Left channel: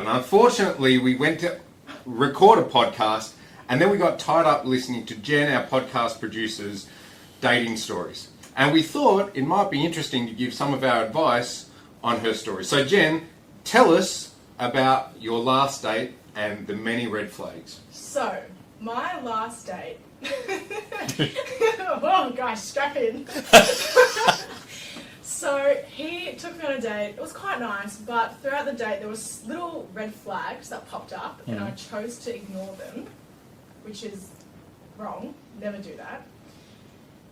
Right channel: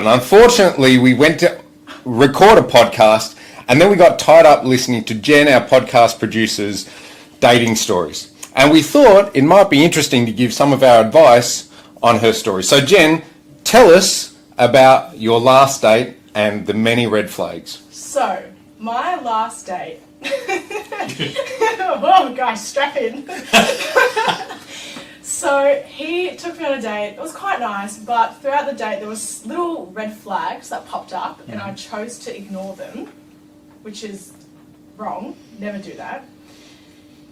And unfortunately, we went to record a podcast and then we got tied up listening to Jen, our podcast producer's dating stories. And we thought it might be interesting to give some of our advice on her story. So Jen, tell us about your last date and the many red flags. So, my last date... oh gosh, strap in. So, he took me on a date. It was quite nice, but throughout the date there was little red flags that popped up and I chose to ignore them, which is wrong. Never do that.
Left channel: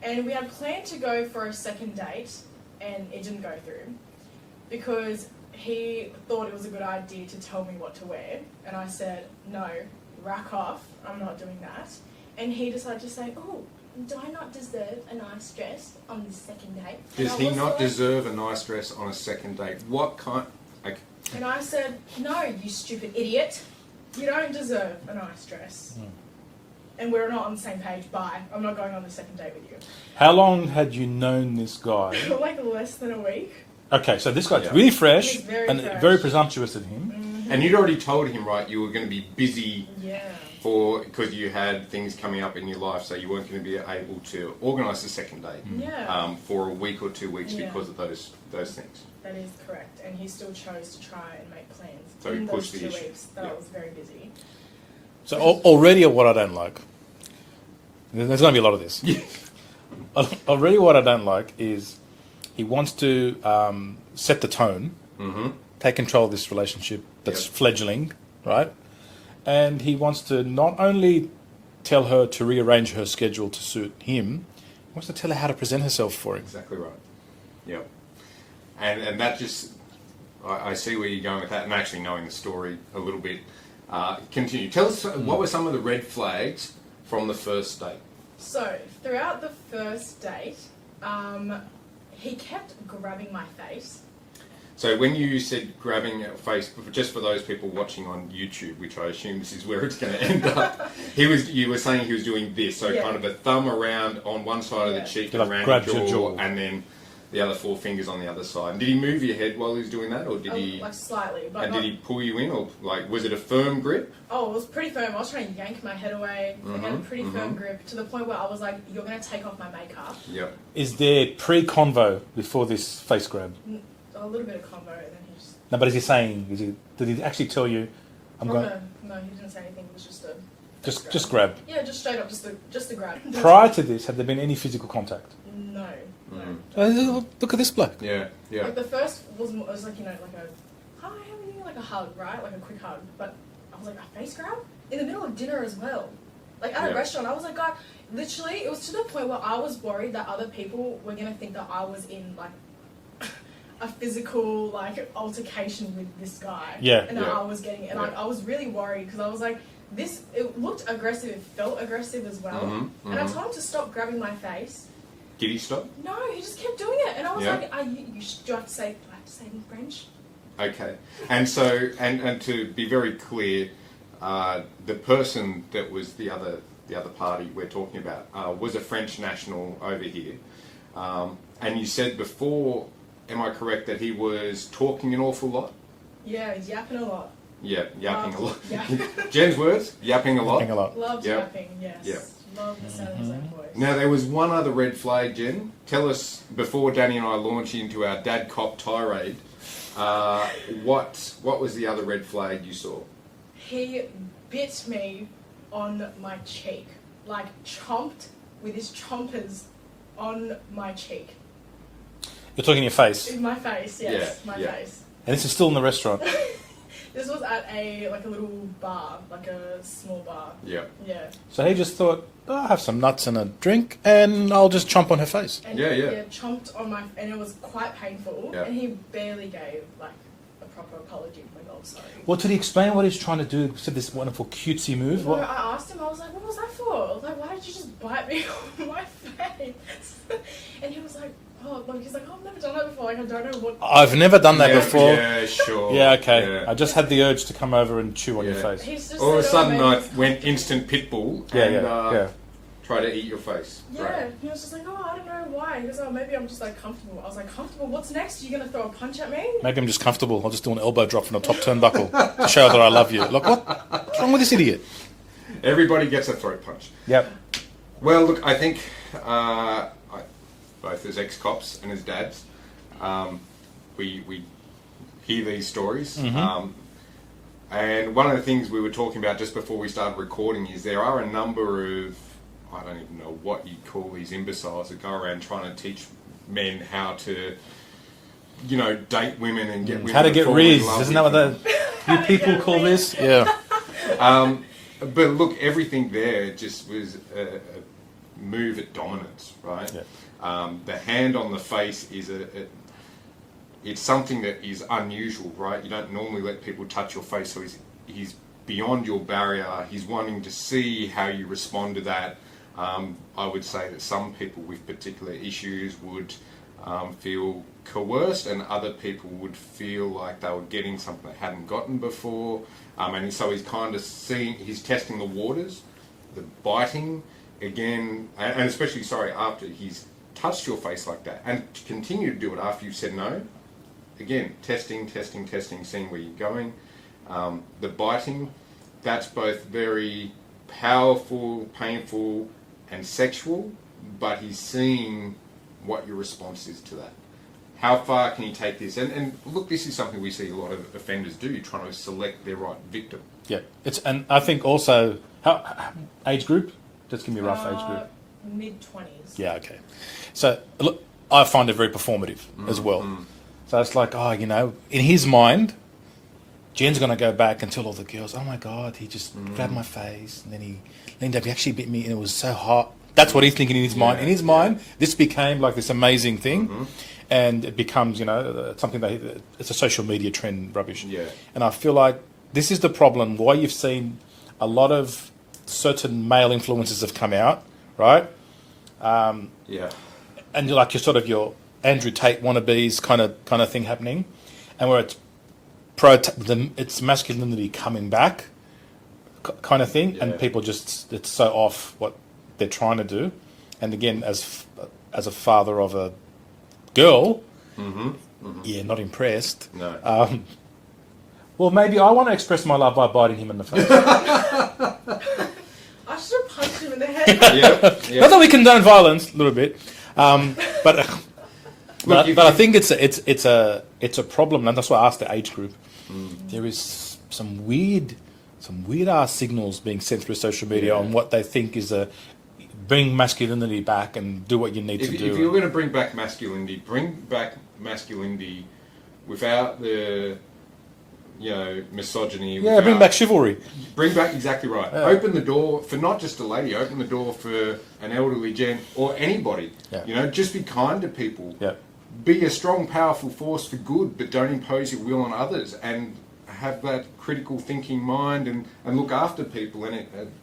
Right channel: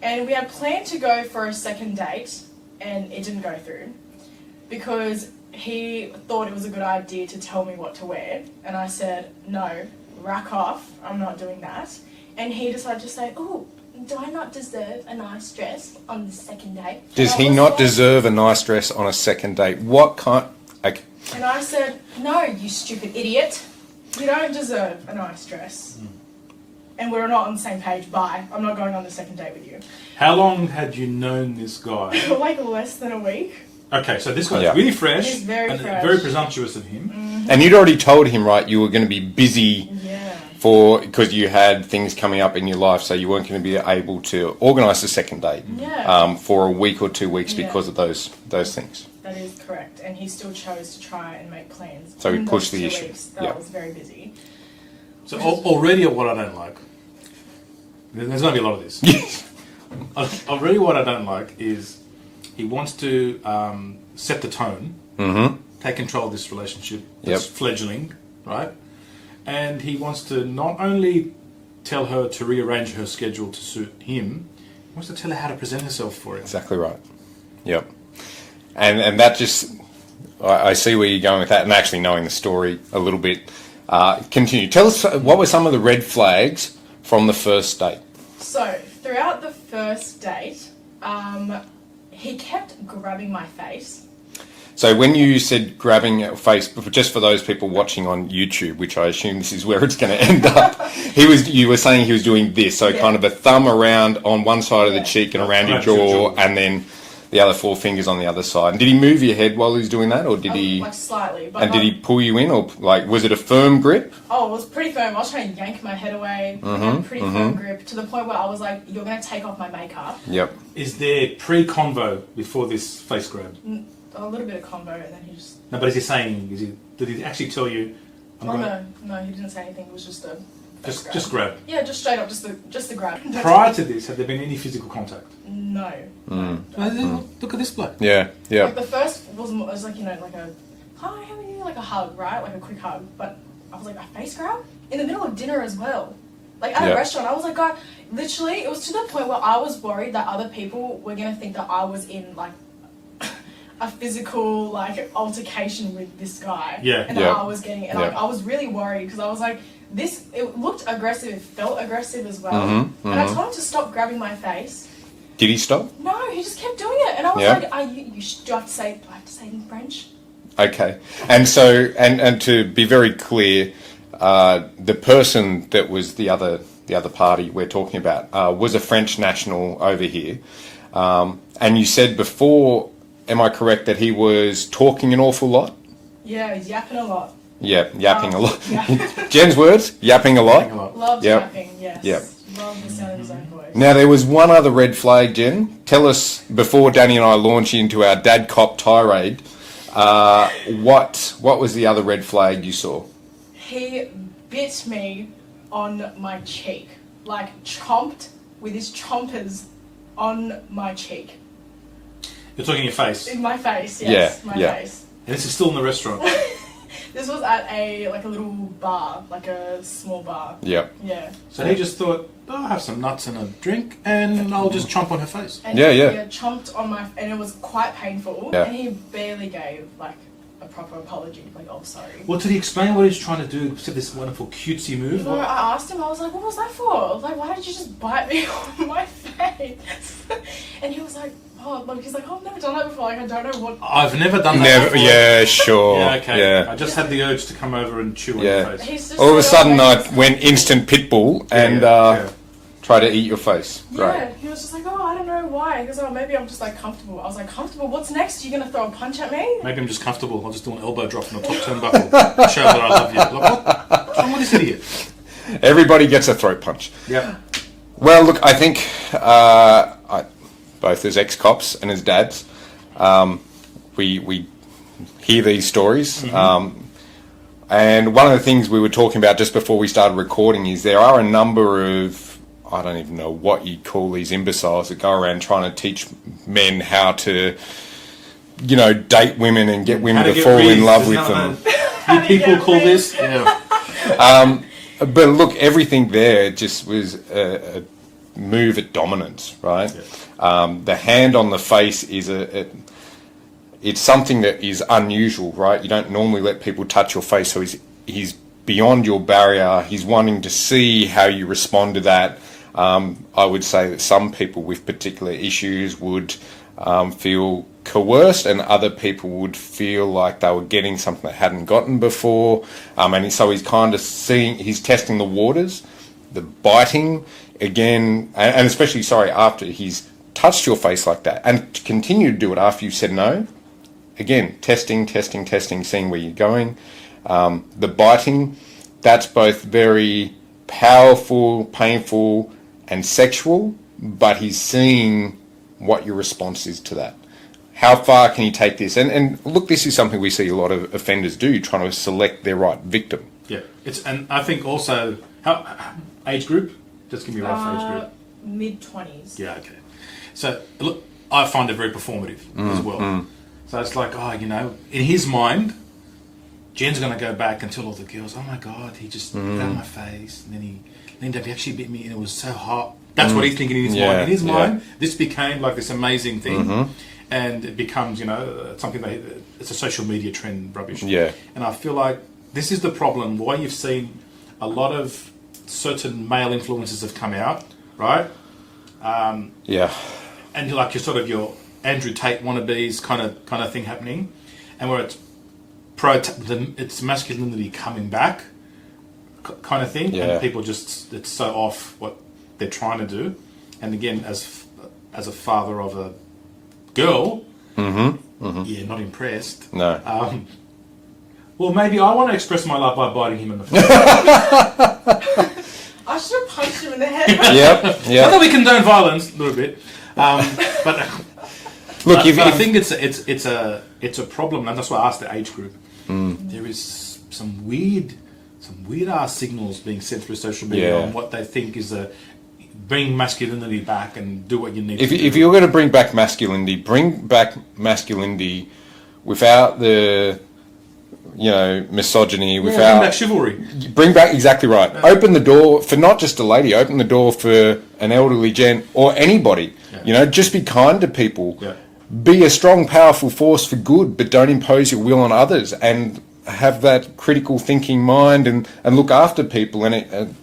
And we had planned to go for a second date and it didn't go through because he thought it was a good idea to tell me what to wear, and I said, no, rack off, I'm not doing that. And he decided to say, oh, do I not deserve a nice dress on the second date? Does he not deserve a nice dress on a second date? What kind... Okay. And I said, no, you stupid idiot, you don't deserve a nice dress. And we're not on the same page, bye, I'm not going on the second date with you. How long had you known this guy? Like less than a week. Okay, so this guy's really fresh. He's very and fresh. very presumptuous of him. And you'd already told him, right, you were going to be busy because you had things coming up in your life, so you weren't going to be able to organise a second date for a week or 2 weeks because of those things. That is correct, and he still chose to try and make plans. So he pushed the issue. That was very busy. So already what I don't like, there's going to be a lot of this. Already what I don't like is he wants to set the tone, take control of this relationship that's fledgling, right? And he wants to not only tell her to rearrange her schedule to suit him, he wants to tell her how to present herself for him. Exactly right. Yep. And that just... I see where you're going with that, and actually knowing the story a little bit. Continue. Tell us, what were some of the red flags from the first date? So, throughout the first date, he kept grabbing my face. So when you said grabbing your face, just for those people watching on YouTube, which I assume this is where it's going to end up, you were saying he was doing this, so kind of a thumb around on one side of the cheek and around your jaw, and then the other four fingers on the other side. And did he move your head while he was doing that, or did he... Like slightly. But and did he pull you in, or like was it a firm grip? Oh, it was pretty firm. I was trying to yank my head away. Pretty firm grip, to the point where I was like, you're going to take off my makeup. Yep. Is there pre-convo before this face grab? A little bit of convo, and then he just... No, but is he saying, did he actually tell you, No, he didn't say anything. It was just a... Just grab? Yeah, just straight up, just the grab. Prior to this, had there been any physical contact? No. Look at this bloke. Yeah, yeah. Like the first was like, you know, like a, hi, how are you? Like a hug, right? Like a quick hug. But I was like, a face grab? In the middle of dinner as well. Like at a restaurant, I was like, God, literally, it was to the point where I was worried that other people were going to think that I was in like a physical like altercation with this guy. Yeah. And that I was getting it. And like I was really worried because I was like, it looked aggressive, it felt aggressive as well. And I told him to stop grabbing my face. Did he stop? No, he just kept doing it. And I was like, do I have to say it in French? Okay. And so, and to be very clear, the person that was the other party we're talking about was a French national over here. And you said before, am I correct, that he was talking an awful lot? Yeah, he's yapping a lot. Yeah, yapping a lot. Jen's words, yapping a lot. Yapping a lot. Loved yapping, yes. Yep. Loved the sound of his own voice. Now, there was one other red flag, Jen. Tell us, before Danny and I launch into our dad cop tirade, what was the other red flag you saw? He bit me on my cheek. Like, chomped with his chompers on my cheek. You're talking your face? In my face, yes. My face. And this is still in the restaurant? This was at a little bar, like a small bar. Yep. Yeah. So he just thought, I'll have some nuts and a drink, and I'll just chomp on her face. And he chomped on my... And it was quite painful. Yeah. And he barely gave, like, a proper apology. Like, oh, sorry. Well, did he explain what he's trying to do, except this wonderful cutesy move? No, I asked him, I was like, what was that for? Like, why did you just bite me on my face? And he was like... he's like, I've never done that before. Like, I don't know what... I've never done that before. Yeah, sure. Yeah, okay. Yeah. I just had the urge to come over and chew on your face. All of a sudden, I went instant pitbull and... Try to eat your face. Yeah, Right. he was just like, oh, I don't know why. He goes, oh, maybe I'm just like comfortable. I was like, comfortable? What's next? Are you going to throw a punch at me? Maybe I'm just comfortable. I'll just do an elbow drop from the top turnbuckle to show that I love you. Like, what's wrong with this idiot? Everybody gets a throat punch. Yep. Well, look, I think both as ex-cops and as dads, we hear these stories. And one of the things we were talking about just before we started recording is there are a number of, I don't even know what you'd call these imbeciles that go around trying to teach men how to, date women and get women to fall in love with them. You people call this? Yeah. But look, everything there just was a move at dominance, right? Yeah. The hand on the face is it's something that is unusual, right? You don't normally let people touch your face, so he's beyond your barrier. He's wanting to see how you respond to that. I would say that some people with particular issues would feel coerced, and other people would feel like they were getting something they hadn't gotten before. And so he's kind of he's testing the waters, the biting again, and especially, after he's touched your face like that, and to continue to do it after you said no. Again, testing, seeing where you're going. The biting, that's both very powerful, painful, and sexual, but he's seeing what your response is to that. How far can you take this? And look, this is something we see a lot of offenders do, trying to select their right victim. Yeah. And I think also, how age group? Just give me a rough age group. Mid-20s. Yeah, okay. So, look, I find it very performative as well. So it's like, in his mind, Jen's going to go back and tell all the girls, oh my God, he just grabbed my face, and then he actually bit me, and it was so hot. That's what he's thinking in his mind. In his mind, this became like this amazing thing, and it becomes, something it's a social media trend rubbish. Yeah. And I feel like this is the problem. Why you've seen a lot of certain male influences have come out, right? And you're your Andrew Tate wannabes kind of thing happening, and where it's masculinity coming back kind of thing, and people just, it's so off what they're trying to do. And again, as a father of a girl, not impressed. No. Well, maybe I want to express my love by biting him in the face. I should have punched him in the head. Yep. Not that we condone violence, a little bit, but. Look, but I think it's a problem, and that's why I asked the age group. There is some weird ass signals being sent through social media on what they think is bring masculinity back and do what you need to do. If you're going to bring back masculinity without the misogyny, bring back chivalry. Bring back, exactly right. Yeah. Open the door for not just a lady. Open the door for an elderly gent or anybody. Yeah. Just be kind to people. Yeah. Be a strong, powerful force for good, but don't impose your will on others, and have that critical thinking mind and look after people. And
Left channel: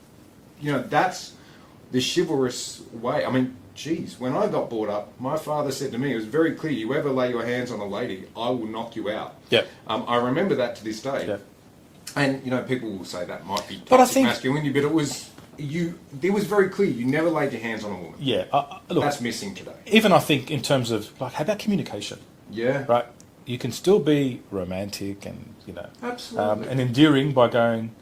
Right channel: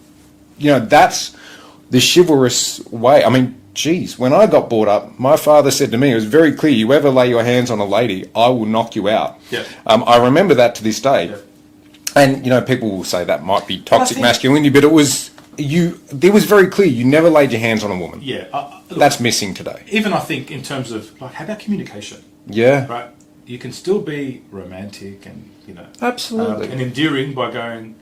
that's the chivalrous way. I mean, geez, when I got brought up, my father said to me, it was very clear, you ever lay your hands on a lady, I will knock you out. Yeah. I remember that to this day. Yeah. And, people will say that might be toxic masculinity, but it was very clear, you never laid your hands on a woman. Yeah. Look, that's missing today. Even I think in terms of, how about communication? Yeah. Right? You can still be romantic and, Absolutely. and endearing by going,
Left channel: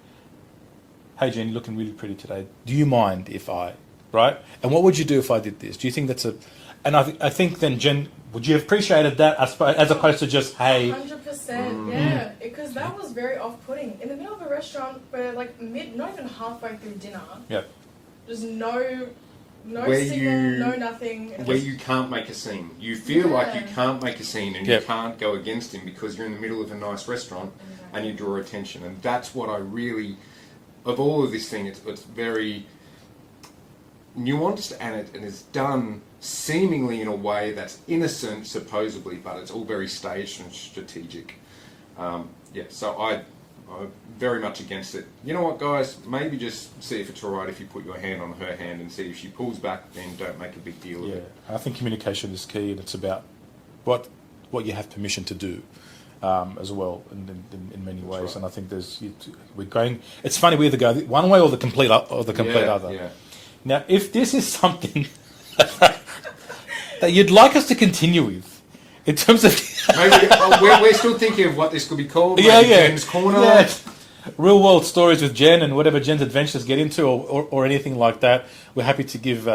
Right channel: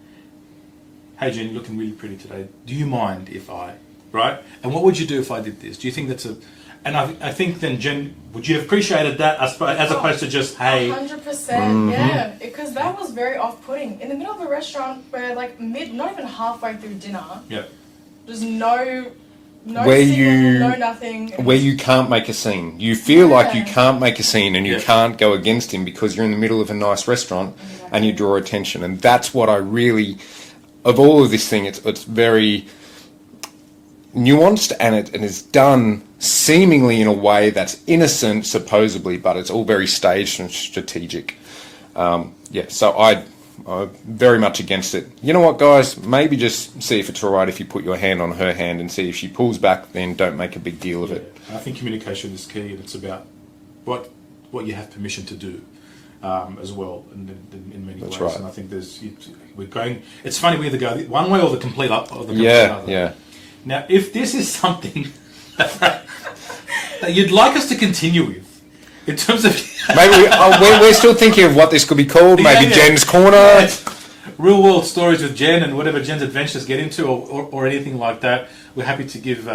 hey, Jen, you're looking really pretty today. Do you mind if I... Right? And what would you do if I did this? Do you think that's a... And I think then, Jen, would you have appreciated that as opposed to just, hey... 100%, yeah. Because that was very off-putting. In the middle of a restaurant where, not even halfway through dinner, there's no signal, no nothing. Where you can't make a scene. You feel like you can't make a scene and you can't go against him because you're in the middle of a nice restaurant and you draw attention. And that's what I really... Of all of this thing, it's very... nuanced, and it is done seemingly in a way that's innocent, supposedly, but it's all very staged and strategic. So I'm very much against it. You know what, guys? Maybe just see if it's all right if you put your hand on her hand and see if she pulls back, then don't make a big deal of it. I think communication is key, and it's about what you have permission to do as well, and in many ways. Right. And I think we're going. It's funny, we either go one way or the complete other. Yeah. Now, if this is something that you'd like us to continue with, in terms of Maybe we're still thinking of what this could be called. Maybe Jen's Corner. Real world stories with Jen and whatever Jen's adventures get into, or anything like that. We're happy to give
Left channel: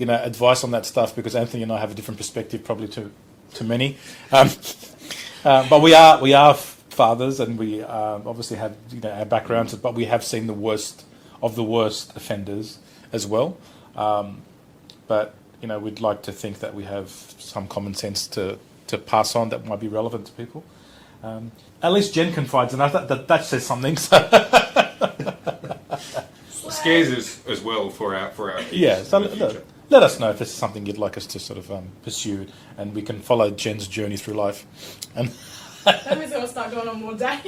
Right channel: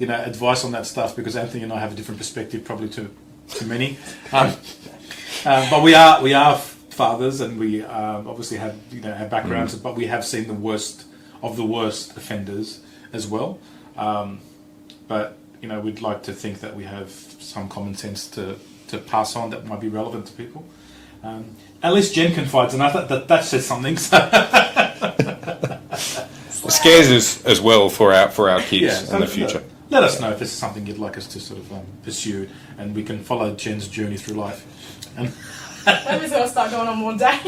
advice on that stuff, because Anthony and I have a different perspective probably to many. But we are fathers, and we obviously have our backgrounds, but we have seen the worst of the worst offenders as well. But we'd like to think that we have some common sense to pass on that might be relevant to people. At least Jen confides in us. That says something. So. It scares us as well for our kids in the future. Let us know if this is something you'd like us to sort of pursue, and we can follow Jen's journey through life. And Maybe going to start going on more dates.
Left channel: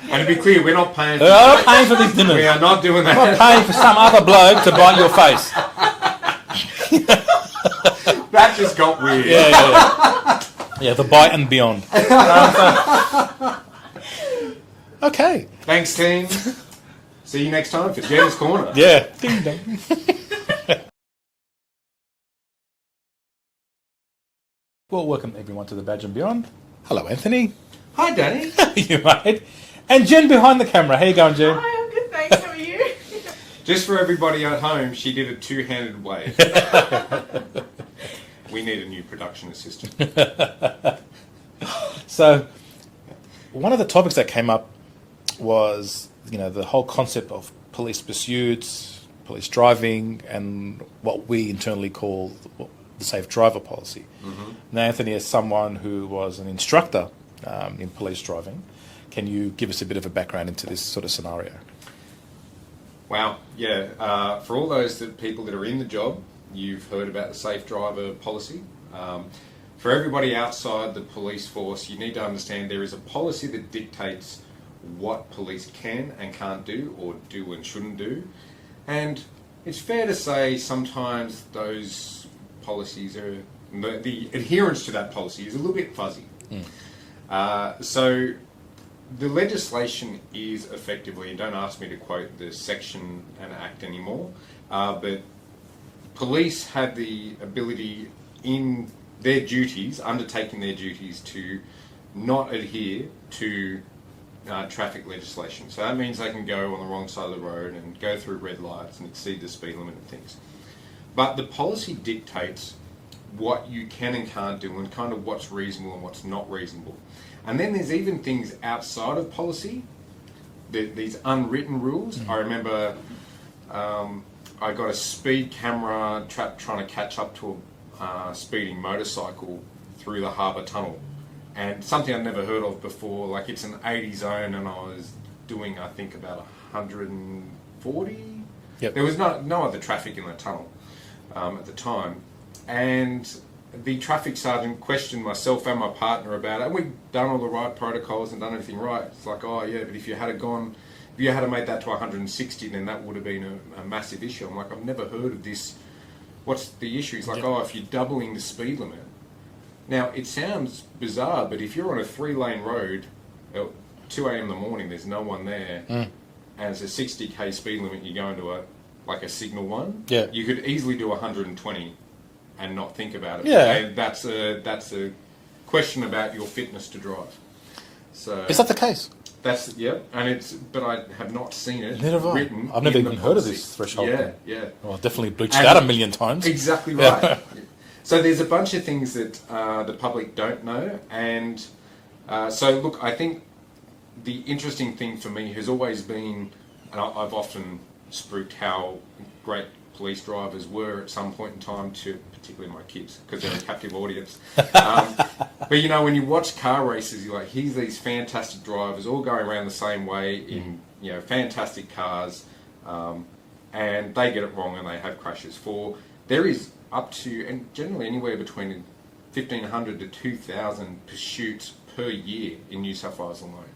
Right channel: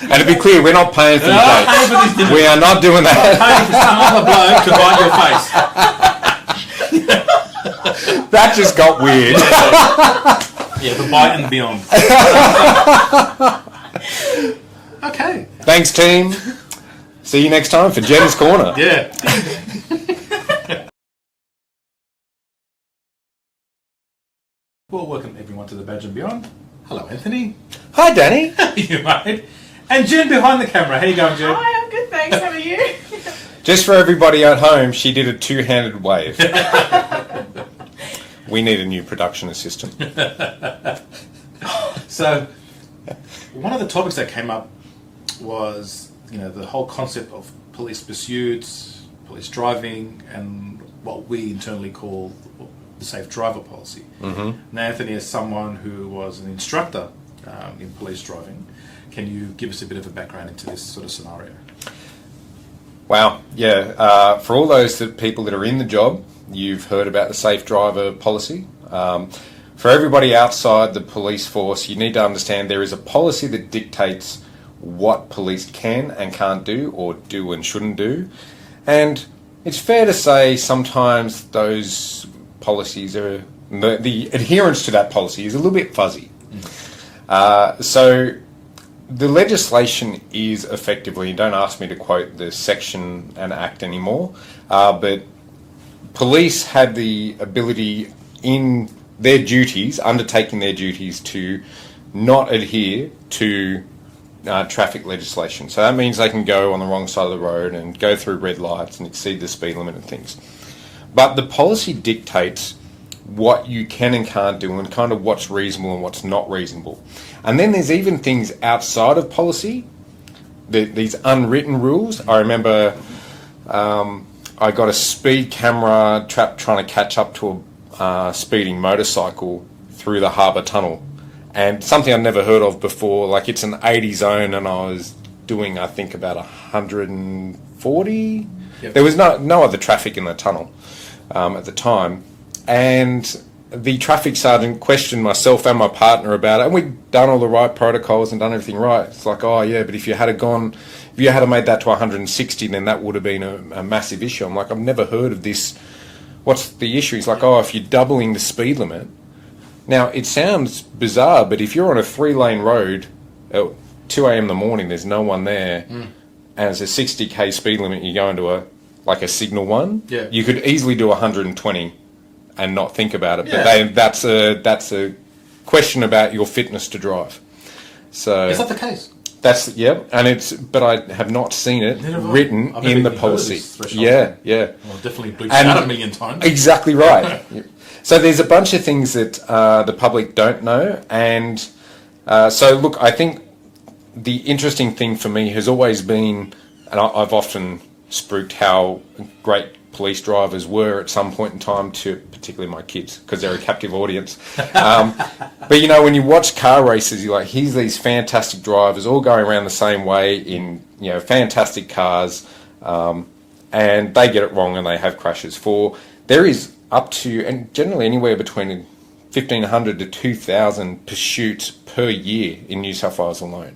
And to be clear, we're not paying for the dates. We are not doing that. Paying for some other bloke to bite your face. That just got weird. Yeah, the bite and beyond. Okay. Thanks, team. See you next time for Jen's Corner. Yeah. Well, welcome everyone to the Badge and Beyond. Hello, Anthony. Hi, Danny. How are you, mate? And Jen behind the camera. How you going, Jen? Hi, I'm good, thanks. How are you? Just for everybody at home, she did a two-handed wave. We need a new production assistant. So, one of the topics that came up was, the whole concept of police pursuits, police driving, and what we internally call the safe driver policy. Mm-hmm. Now, Anthony, as someone who was an instructor in police driving, can you give us a bit of a background into this sort of scenario? Wow, yeah. For all those people that are in the job, you've heard about the safe driver policy. For everybody outside the police force, you need to understand there is a policy that dictates what police can and can't do, or do and shouldn't do. And it's fair to say sometimes those policies are, the adherence to that policy is a little bit fuzzy. So the legislation is effectively, don't ask me to quote the section and act anymore, but police have the ability in their duties, undertaking their duties, to not adhere to traffic legislation. So that means they can go on the wrong side of the road and go through red lights and exceed the speed limit and things. But the policy dictates what you can and can't do, and kind of what's reasonable and what's not reasonable. And then there's even things outside of policy, these unwritten rules. I remember I got a speed camera trapped trying to catch up to a speeding motorcycle through the harbour tunnel. And something I'd never heard of before, like it's an 80 zone, and I was doing, I think, about 140. Yep. There was no other traffic in the tunnel at the time. And the traffic sergeant questioned myself and my partner about it, and we'd done all the right protocols and done everything right. It's like, oh yeah, but if you had made that to 160, then that would have been a massive issue. I'm like, I've never heard of this. What's the issue? He's like, oh, if you're doubling the speed limit. Now, it sounds bizarre, but if you're on a 3-lane road at 2 a.m. in the morning, there's no one there, and it's a 60k speed limit, you go into a signal one, you could easily do 120 and not think about it. Yeah. But that's a question about your fitness to drive. So Is that the case? That's, but I have not seen it written in the policy. Yeah. Well, definitely bleached out a million times. Exactly right. So there's a bunch of things that the public don't know, and so look, I think the interesting thing for me has always been, and I've often spruiked how great police drivers were at some point in time to particularly my kids, because they're a captive audience. But when you watch car races, you're like, here's these fantastic drivers all going around the same way in fantastic cars, and they get it wrong and they have crashes. There is up to, and generally anywhere between 1,500 to 2,000 pursuits per year in New South Wales alone.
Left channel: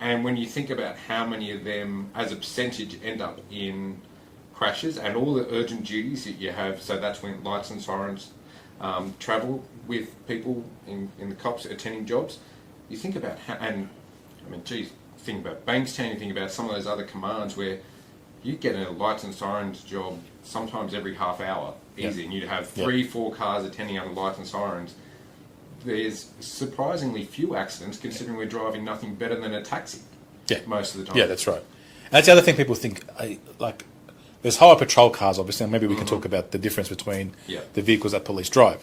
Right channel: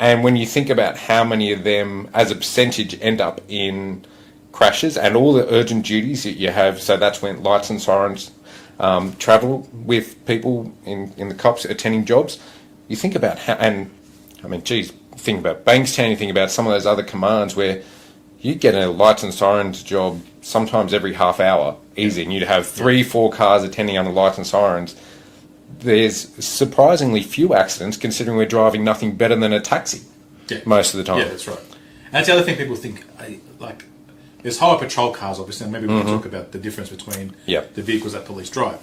And when you think about how many of them as a percentage end up in crashes and all the urgent duties that you have, so that's when lights and sirens travel with people in the cops attending jobs, you think about how, and I mean, geez, think about Bankstown, you think about some of those other commands where you get a lights and sirens job sometimes every half hour, easy, and you'd have 3-4 cars attending under lights and sirens. There's surprisingly few accidents, considering we're driving nothing better than a taxi most of the time. Yeah, that's right. And that's the other thing people think, like, there's highway patrol cars, obviously, and maybe we can talk about the difference between the vehicles that police drive.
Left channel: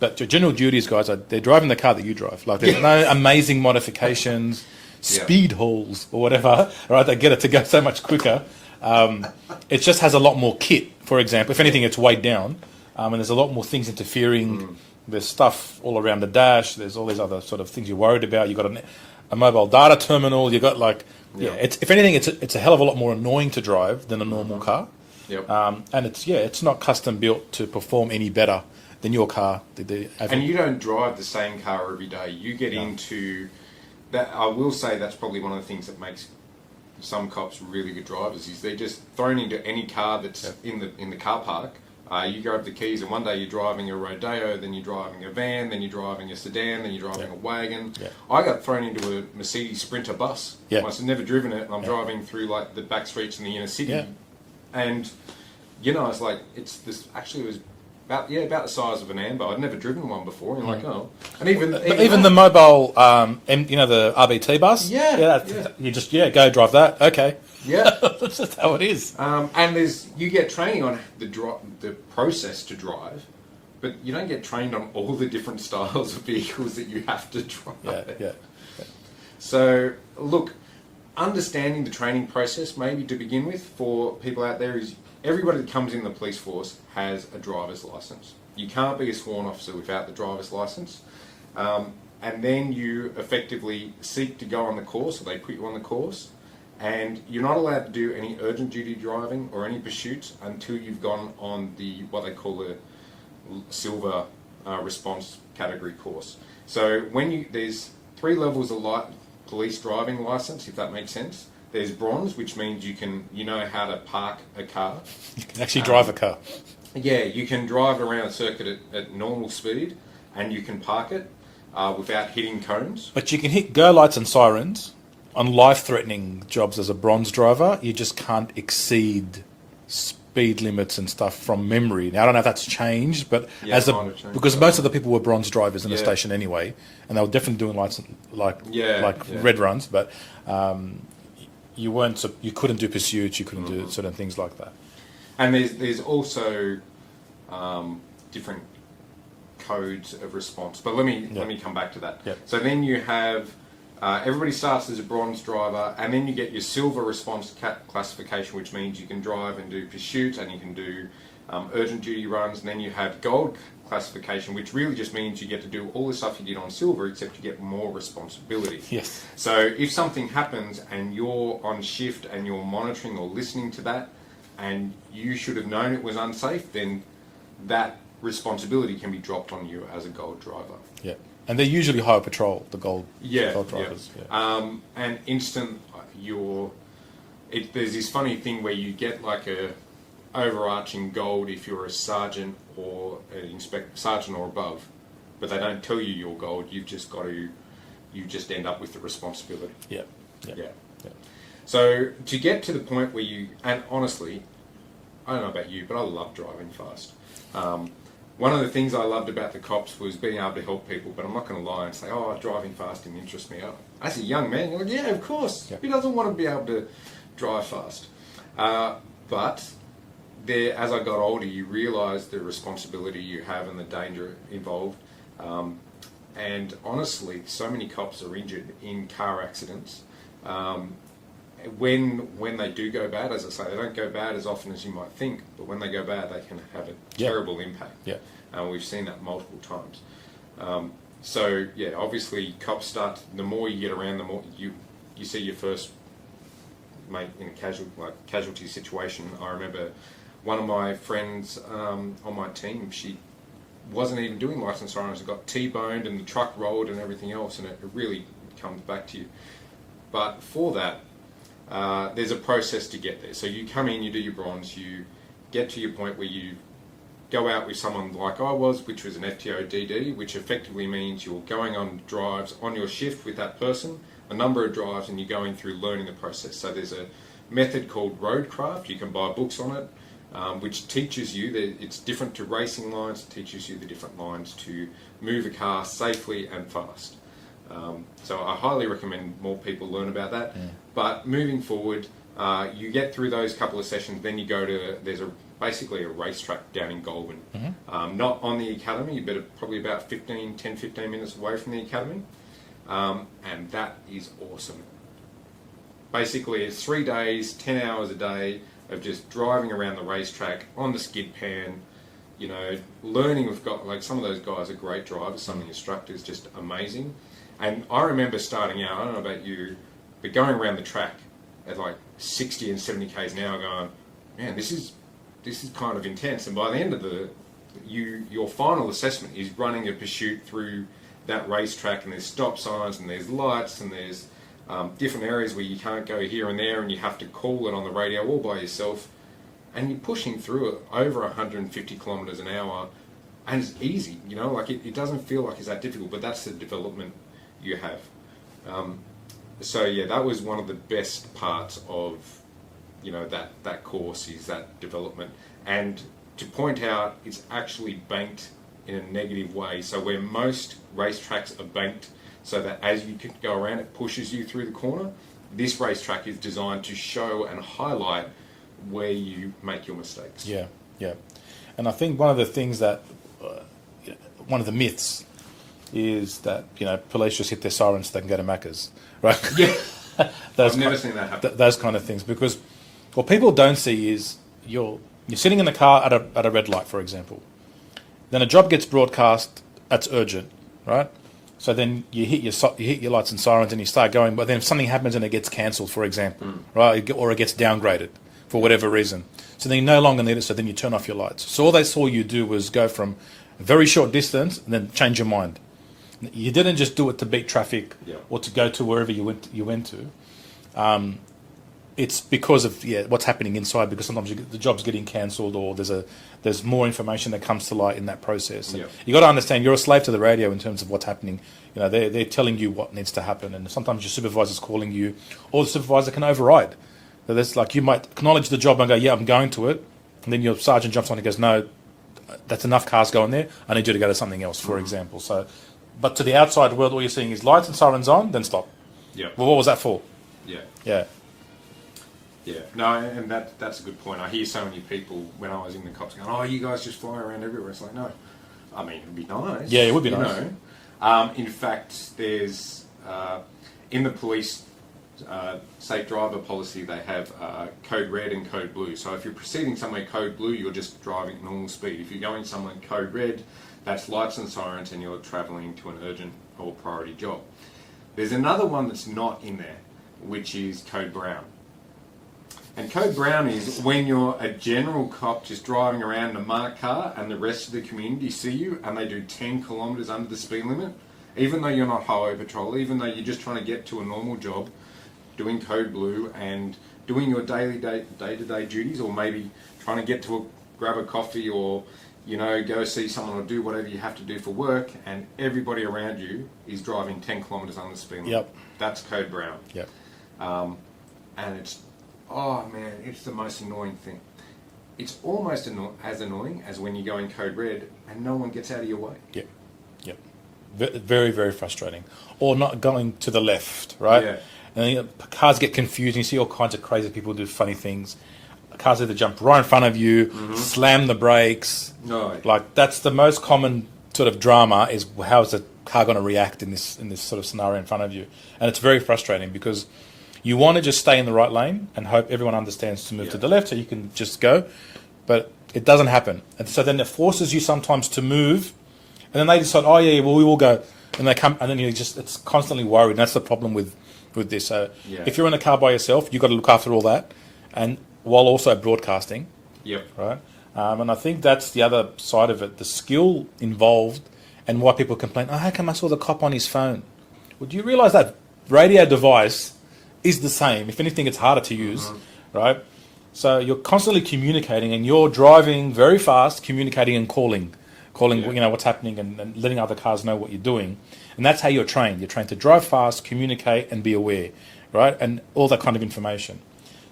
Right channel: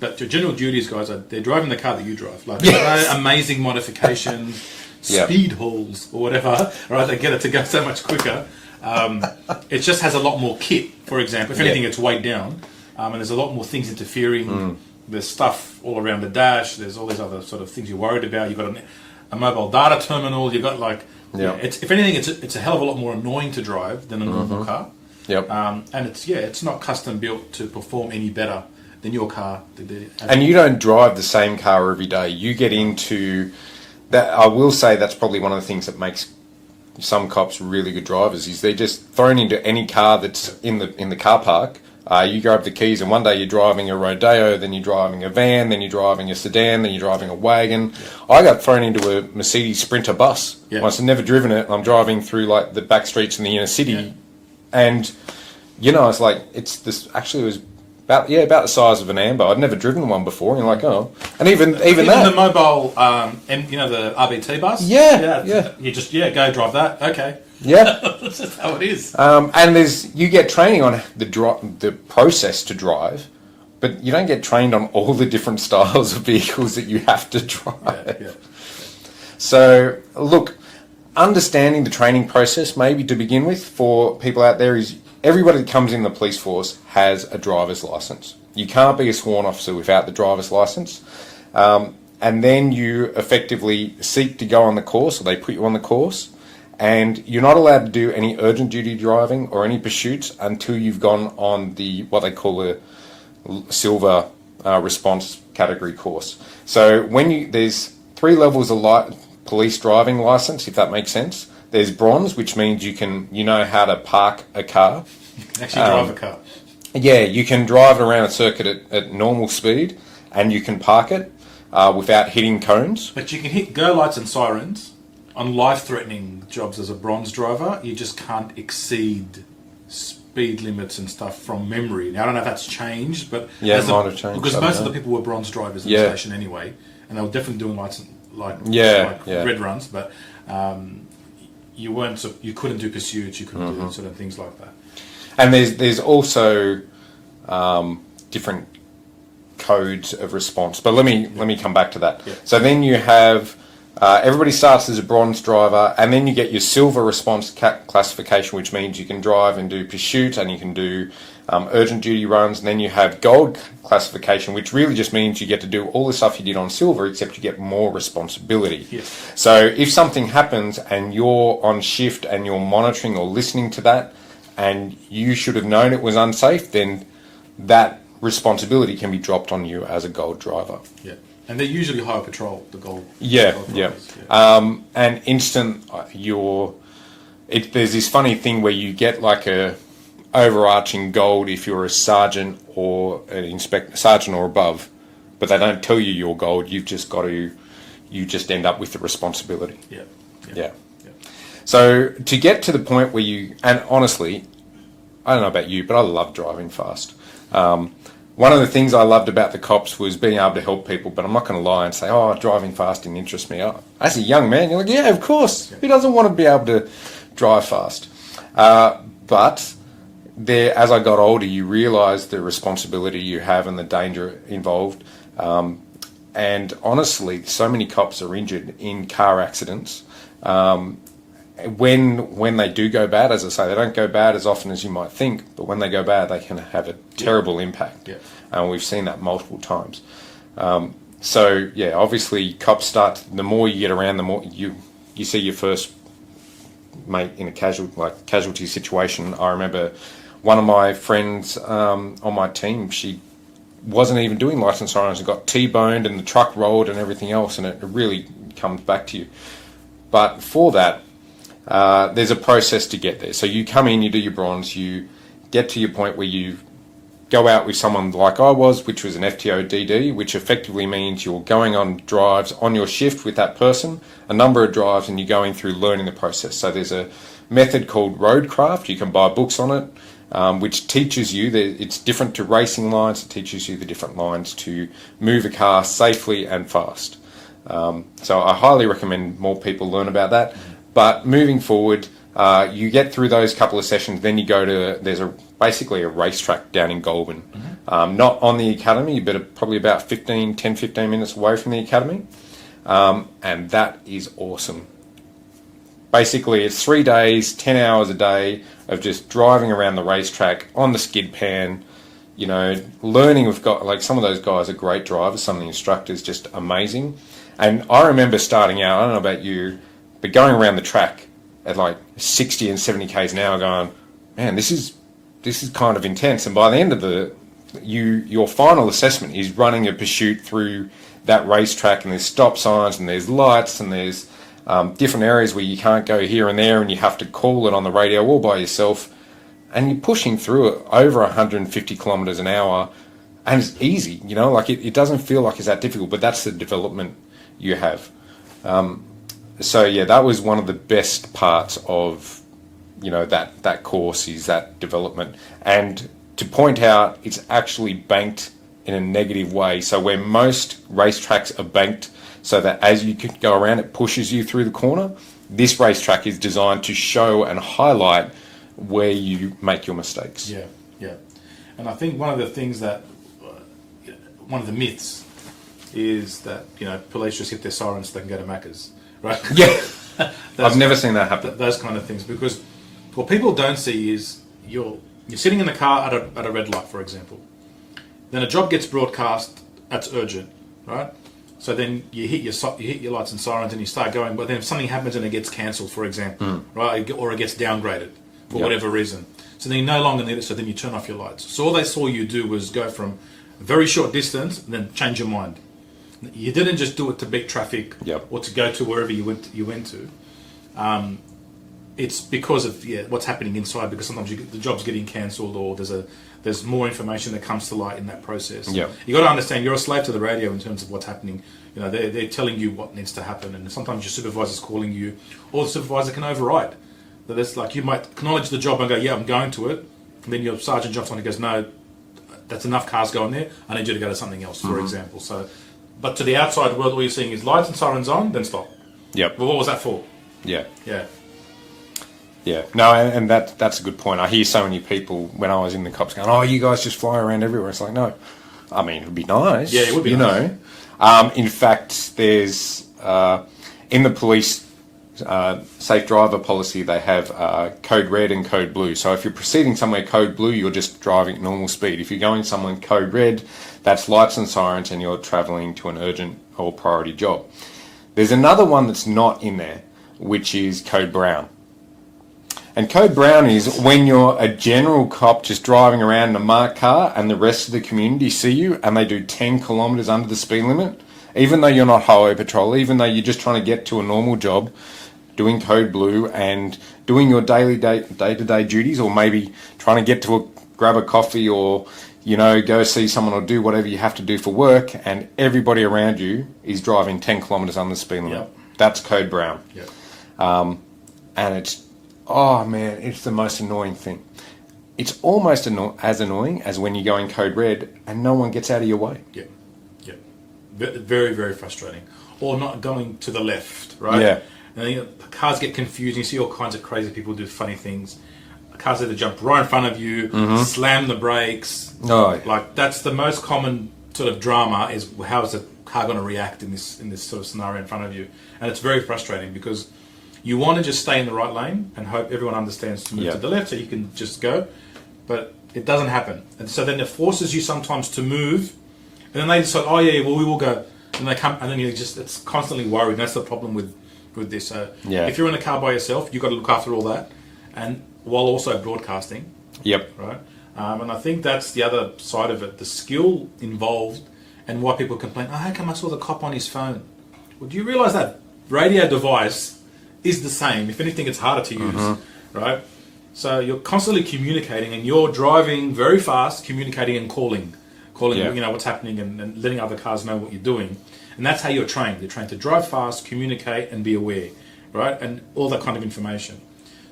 But your general duties guys, they're driving the car that you drive. Like, there's no amazing modifications, speed holes, or whatever, right? They get it to go so much quicker. It just has a lot more kit, for example. If anything, it's weighed down, and there's a lot more things interfering. There's stuff all around the dash. There's all these other sort of things you're worried about. You've got a mobile data terminal. You've got if anything, it's a hell of a lot more annoying to drive than a normal car. And it's not custom built to perform any better than your car. And you don't drive the same car every day. You get into that. I will say that's probably one of the things that makes some cops really good drivers is they're just thrown into any car that's in the car park. You grab the keys and one day you're driving a Rodeo, then you're driving a van, then you're driving a sedan, then you're driving a wagon. I got thrown into a Mercedes Sprinter bus. Once I've never driven it, and I'm driving through like the back streets in the inner city, and it's like it's this. Actually, it was about the size of an Amber. I'd never driven one before. And you're like, and even the mobile, the RBT bus. You just go drive that. Okay. That's just how it is. And you get training on the process to drive, but you don't get trained on all the different styles of vehicles that you have to drive. So, look, understanding the training process, maybe to begin with, for people out there is everybody that comes in the police force has a driver's license. You can't be a sworn officer without the driver's license. And then you effectively seek to go on the course, or they put you on the course. And you're not allowed to do any urgent duty driving or any pursuits until you've gone on what they call a silver response category course. So there's 3 levels of police driving license, if that makes sense. There's bronze, which means you know how to park a car. You can actually drive a car. Yeah, you can drive around a circuit at normal speed, and you can park it without hitting cones. But you can hit go lights and sirens. On life-threatening jobs as a bronze driver, you just can't exceed speed limits and stuff from memory. Now, I don't know if that's changed, but it might have changed. Because most of the people were bronze drivers in the station anyway, and they were definitely doing lights like red runs, but you couldn't do pursuits, you couldn't do certain things like that. And there's also different codes of response, but let me come back to that. So then you have. Everybody starts as a bronze driver, and then you get your silver response classification, which means you can drive and do pursuit, and you can do urgent duty runs. And then you have gold classification, which really just means you get to do all the stuff you did on silver, except you get more responsibility. So if something happens and you're on shift and you're monitoring or listening to that, and you should have known it was unsafe, then that responsibility can be dropped on you as a gold driver. And they're usually highway patrol, the gold. Drivers. And instant, there's this funny thing where you get like a overarching gold if you're a sergeant or an sergeant or above, but they don't tell you you're gold. You just end up with the responsibility. So to get to the point where and honestly, I don't know about you, but I love driving fast. One of the things I loved about the cops was being able to help people, but I'm not going to lie and say, driving fast didn't interest me. As a young man, you're like, yeah, of course. Who doesn't want to be able to drive fast? But as I got older, you realise the responsibility you have and the danger involved. And honestly, so many cops are injured in car accidents. When they do go bad, as I say, they don't go bad as often as you might think, but when they go bad, they can have a terrible impact. And we've seen that multiple times. Obviously, cops start, the more you get around, the more you see your first mate in a casualty situation. I remember one of my friends on my team, she wasn't even doing lights and sirens and got T-boned and the truck rolled and everything else, and it really comes back to you. But for that, there's a process to get there. So you come in, you do your bronze, you get to your point where you've go out with someone like I was, which was an FTODD, which effectively means you're going on drives on your shift with that person, a number of drives, and you're going through learning the process. So there's a method called roadcraft. You can buy books on it, which teaches you that it's different to racing lines. It teaches you the different lines to move a car safely and fast. So I highly recommend more people learn about that. But moving forward, you get through those couple of sessions, then you go to, basically a racetrack down in Goulburn. Not on the academy, but probably about 10, 15 minutes away from the academy. And that is awesome. Basically, it's 3 days, 10 hours a day of just driving around the racetrack on the skid pan, you know, learning. We've got, like, some of those guys are great drivers, some of the instructors just amazing. And I remember starting out, I don't know about you, but going around the track at like 60 and 70 k's an hour going, man, this is kind of intense. And by the end of your final assessment is running a pursuit through that racetrack, and there's stop signs and there's lights and there's different areas where you can't go here and there, and you have to call it on the radio all by yourself, and you're pushing through it over 150 kilometers an hour, and it's easy, you know, like it doesn't feel like it's that difficult, but that's the development you have. So yeah, that was one of the best parts of, you know, that course, is that development. And to point out, it's actually banked in a negative way. So where most racetracks are banked so that as you go around, it pushes you through the corner, this racetrack is designed to show and highlight where you make your mistakes. Yeah, yeah. And I think one of the things that, one of the myths is that, you know, police just hit their sirens so they can go to Macca's, right? Yeah. I've never seen that happen. Those kind of things, because what people don't see is you're sitting in the car at a red light, for example. Then a job gets broadcast that's urgent, right? So then you hit your lights and sirens and you start going, but then something happens and it gets cancelled, for example, right? Or it gets downgraded for whatever reason. So then you no longer need it, so then you turn off your lights. So all they saw you do was go from a very short distance and then change your mind. You didn't just do it to beat traffic or to go to wherever you went to. It's because of what's happening inside, because sometimes the job's getting cancelled, or there's more information that comes to light in that process. You got to understand, you're a slave to the radio in terms of what's happening. You know, they're telling you what needs to happen, and sometimes your supervisor's calling you, or the supervisor can override. So that's like, you might acknowledge the job and go, yeah, I'm going to it, and then your sergeant jumps on and goes, no, that's enough cars going there, I need you to go to something else, for example. So, but to the outside world, all you're seeing is lights and sirens on, then stop. Yep. Well, what was that for? Yeah. Yeah. Yeah, no, and that's a good point. I hear so many people when I was in the cops going, "Oh, you guys just fly around everywhere." It's like, no, I mean, it would be nice. Yeah, it would be nice. You know, in fact, there's in the police safe driver policy, they have code red and code blue. So if you're proceeding somewhere code blue, you're just driving at normal speed. If you're going somewhere code red, that's lights and sirens, and you're travelling to an urgent or priority job. There's another one that's not in there, which is code brown. And code brown is when you're a general cop just driving around in a marked car and the rest of the community see you and they do 10 kilometres under the speed limit, even though you're not highway patrol, even though you're just trying to get to a normal job, doing code blue and doing your day-to-day duties, or maybe trying to get to grab a coffee, or, you know, go see someone, or do whatever you have to do for work, and everybody around you is driving 10 kilometres under the speed limit. Yep. That's code brown. Yep. And it's, oh man, it's the most annoying thing. It's almost as annoying as when you're going code red and no one gets out of your way. Yep. Yep. Very, very frustrating. Or not going to the left, right? Yeah. And then cars get confused and you see all kinds of crazy people do funny things. Cars either jump right in front of you, slam the brakes. Oh. Like, that's the most common sort of drama, is how is the car going to react in this sort of scenario in front of you. And it's very frustrating because you want to just stay in the right lane and hope everyone understands to move to the left so you can just go. But it doesn't happen. And so then it forces you sometimes to move, and then they decide, oh yeah, well, we will go. And they come, and then it's constantly worried. That's the problem with this. So if you're in a car by yourself, you've got to look after all that, and while also broadcasting. Yep. Right? And I think that's the other side of it, the skill involved, and why people complain, oh, how come I saw the cop on his phone? Well, do you realise that radio device is the same? If anything, it's harder to use, right? So you're constantly communicating, and you're driving very fast, communicating and calling, what's happening, and letting other cars know what you're doing. And that's how you're trained. You're trained to drive fast, communicate, and be aware, right? And all that kind of information.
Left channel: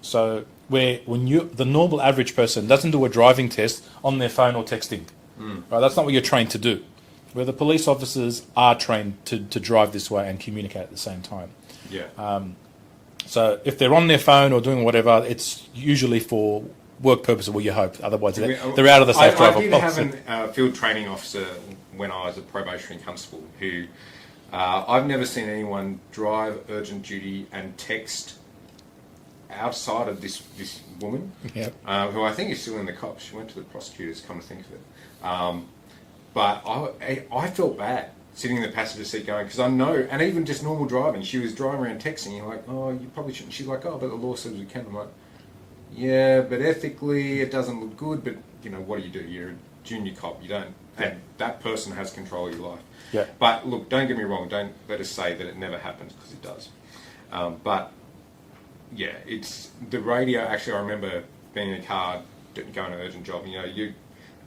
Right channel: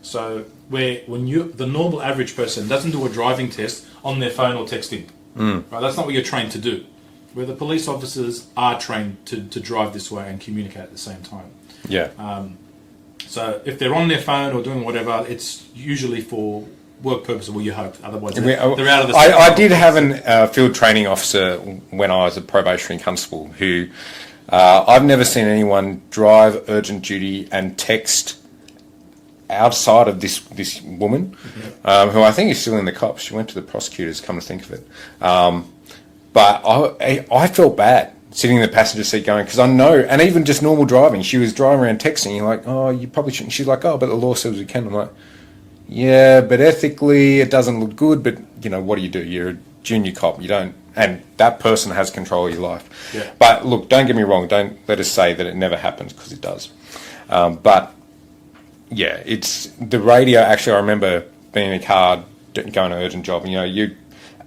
So the normal average person doesn't do a driving test on their phone or texting, right? That's not what you're trained to do. Where the police officers are trained to drive this way and communicate at the same time. Yeah. So if they're on their phone or doing whatever, it's usually for work purposes, well, you hope. Otherwise, they're out of the... I did have a field training officer when I was a probationary constable who... I've never seen anyone drive urgent duty and text outside of this woman, who I think is still in the cops. She went to the prosecutors, come to think of it. But I felt bad sitting in the passenger seat going, because I know, and even just normal driving, she was driving around texting, you're like, oh, you probably shouldn't. She's like, oh, but the law says we can. I'm like, yeah, but ethically it doesn't look good, but, what do? You're a junior cop. You don't, and that person has control of your life. Yeah. But look, don't get me wrong, don't let us say that it never happens, because it does. But, yeah, it's the radio. Actually, I remember being in a car going to an urgent job, and, you,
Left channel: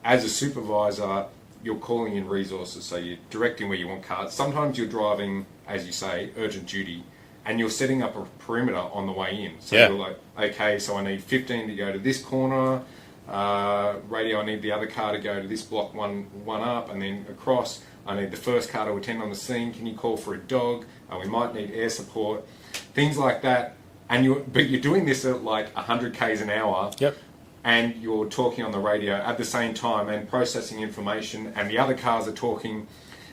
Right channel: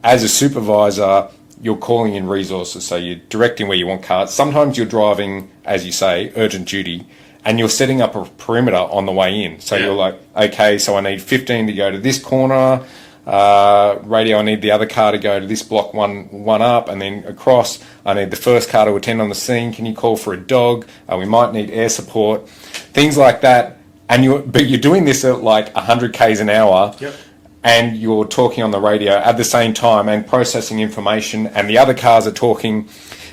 as a supervisor, you're calling in resources, so you're directing where you want cars. Sometimes you're driving, as you say, urgent duty, and you're setting up a perimeter on the way in. So you're like, okay, so I need 15 to go to this corner. Radio, I need the other car to go to this block one up, and then across, I need the first car to attend on the scene. Can you call for a dog? We might need air support. Things like that. But you're doing this at like 100 k's an hour. Yep. And you're talking on the radio at the same time and processing information, and the other cars are talking.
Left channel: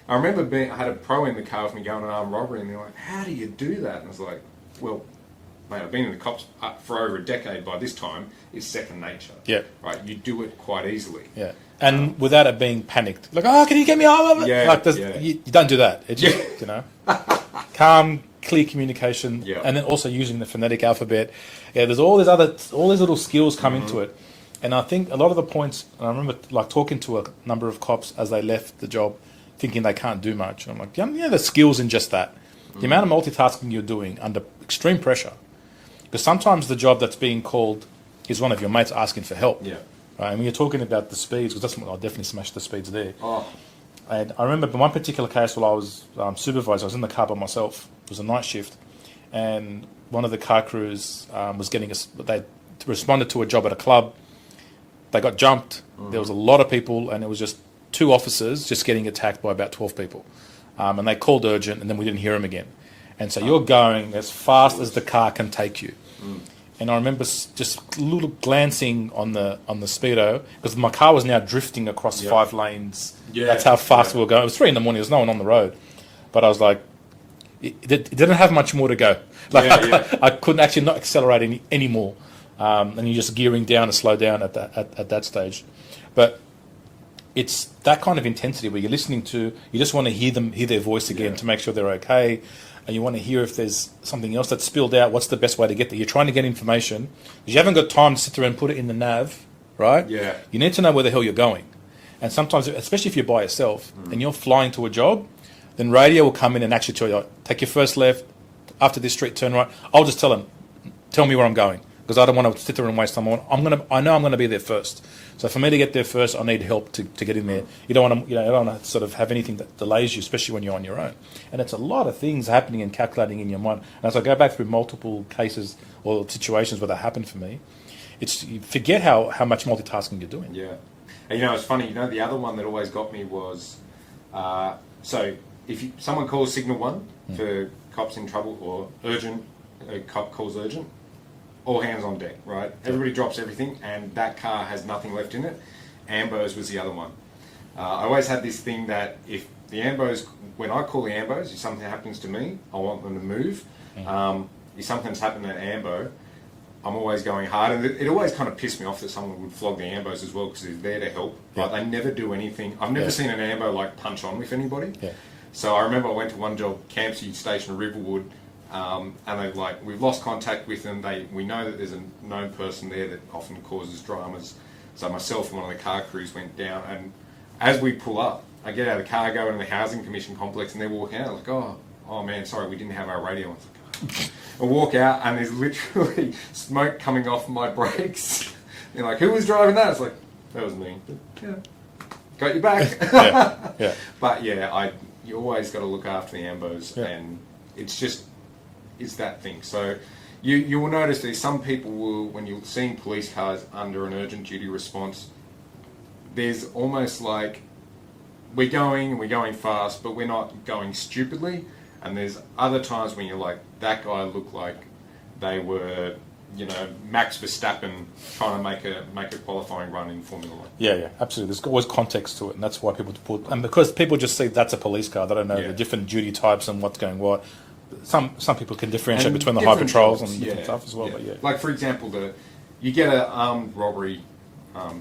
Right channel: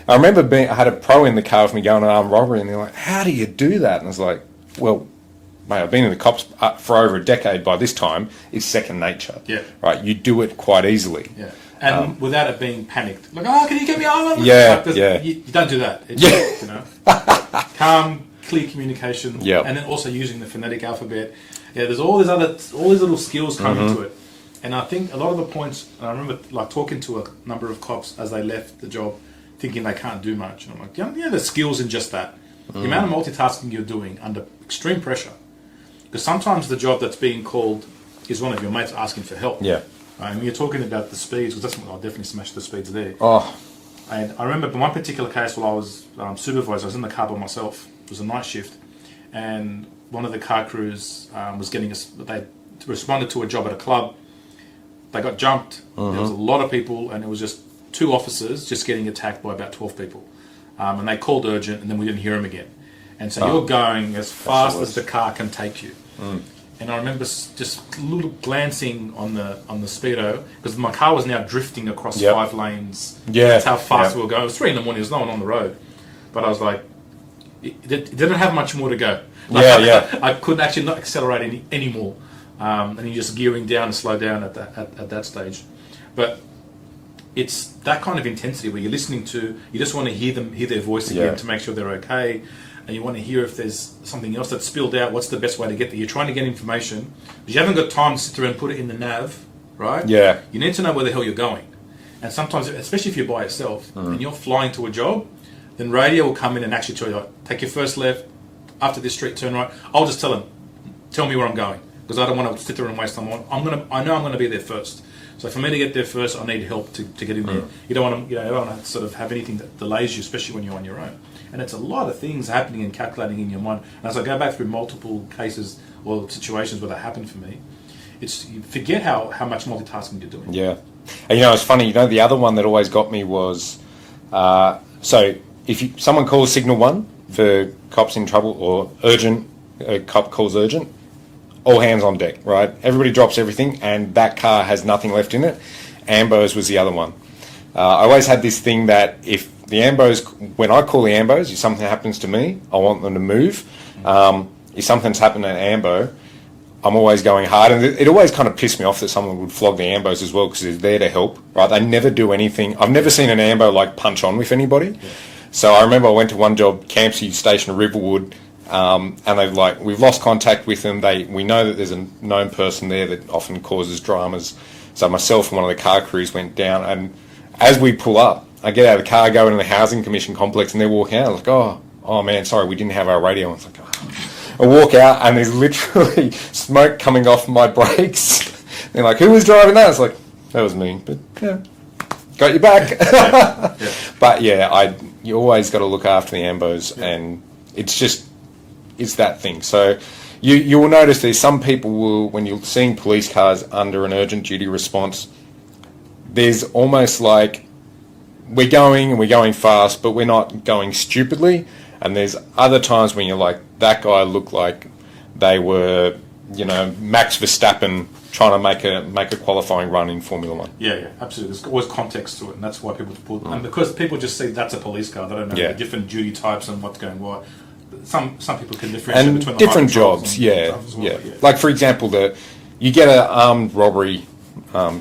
I remember I had a pro in the car with me going on armed robbery, and they're like, how do you do that? And I was like, well, mate, I've been in the cops for over a decade by this time. It's second nature. Yeah. Right? You do it quite easily. Yeah. And without it being panicked. Like, oh, can you get me on? Yeah, You don't do that. It's just, calm, clear communication, and then also using the phonetic alphabet. Yeah, there's all these little skills come into it. And I think a lot of the points, and I remember like talking to a number of cops as they left the job, thinking they can't do much. And I'm like, yeah, there's skills in just that. The amount of multitasking you're doing under extreme pressure. Because sometimes the job that's being called is one of your mates asking for help. Yeah. And when you're talking about the speeds, because that's I'll definitely smash the speeds there. Oh. And I remember in one particular case while I was supervisor, I was in the car by myself. It was a night shift. And one of the car crews was they responded to a job at a club. They got jumped. There was a lot of people, and it was just 2 officers just getting attacked by about 12 people. And they called urgent, and then we didn't hear them again. And so you're going as fast as the car can take you. And I remember just a little glancing on the speedo, because my car was now drifting across 5 lanes. Yeah. That's how fast we were going. It was 3 a.m. There was no one on the road. But I was like, it didn't have much more to go. I couldn't actually not accelerate anymore. And you're just gearing down and slow down at that stage. But it's that kind of intensity where you're listening to, you just want to hear their voice again to make sure they're okay. And you want to hear if there's something else that's spilled out, what's the best way to get there. You're trying to get information, but you haven't got time to sit there and put it in the nav, right? Yeah. You need to know where the hell you're going. And sometimes, especially if you're by yourself and you're flying to a job, then radio will come in and actually tell you, take your first left, after this street, turn right. I'll just tell them, tell me where I'm going, because I don't want to sit there and waste time. I know I'm going to be there first. So for me to get there first, I need help to get in there. You don't want to sort of have anything that delays you, especially when you're on your own. And it's a lot of things happening and calculating in your mind. And as I go back through multiple cases or situations where that happened for me, you forget how much multitasking you're doing. Yeah. And it's funny, the other one that always got me was, so if someone calls signal 1 for cops in trouble or urgent, a cop calls urgent, all hands on deck, right? Everybody drops everything, and that car has nothing left in it. Ambos was the other one. I always had this thing that if the Ambos, when I call the Ambos, if something happens to me, I want them to move. If something's happened at Ambo, I'm always going hard. And it always kind of pissed me off that someone would flog the Ambos as well, because they're there to help, right? They never do anything. I've never seen an Ambo punch on with anybody. Yeah. So I remember I went to one job, Campsie Station, Riverwood, and they've we've lost contact with them. We know that there's a known person there that often causes dramas. So myself and one of the car crews went down, and as we pull up, I get out of the car, go into the Housing Commission complex, and they're walking out. I was like, oh man, sorry, we didn't have our radio. I was like, oh. I walk out and there's literally smoke coming off my brakes. They're like, who was driving that? It's like, that was me. But yeah, got your back. Yeah. But yeah, you always got to look after the ambos, and it's that thing. So you will notice there's some people will, when you're seeing police cars under an urgent duty response, there's almost like we're going fast, but we're not going stupidly. And there's other times when you're like, that guy looked like they were, Max Verstappen trying to make a qualifying run in Formula One. Yeah, absolutely. There's always context to it, and that's why people put. And because people just see that's a police car, they don't know the different duty types and what's going what. Some people can differentiate And between the different high patrols jobs, and yeah, stuff as well, yeah. but Like for example, you get an armed robbery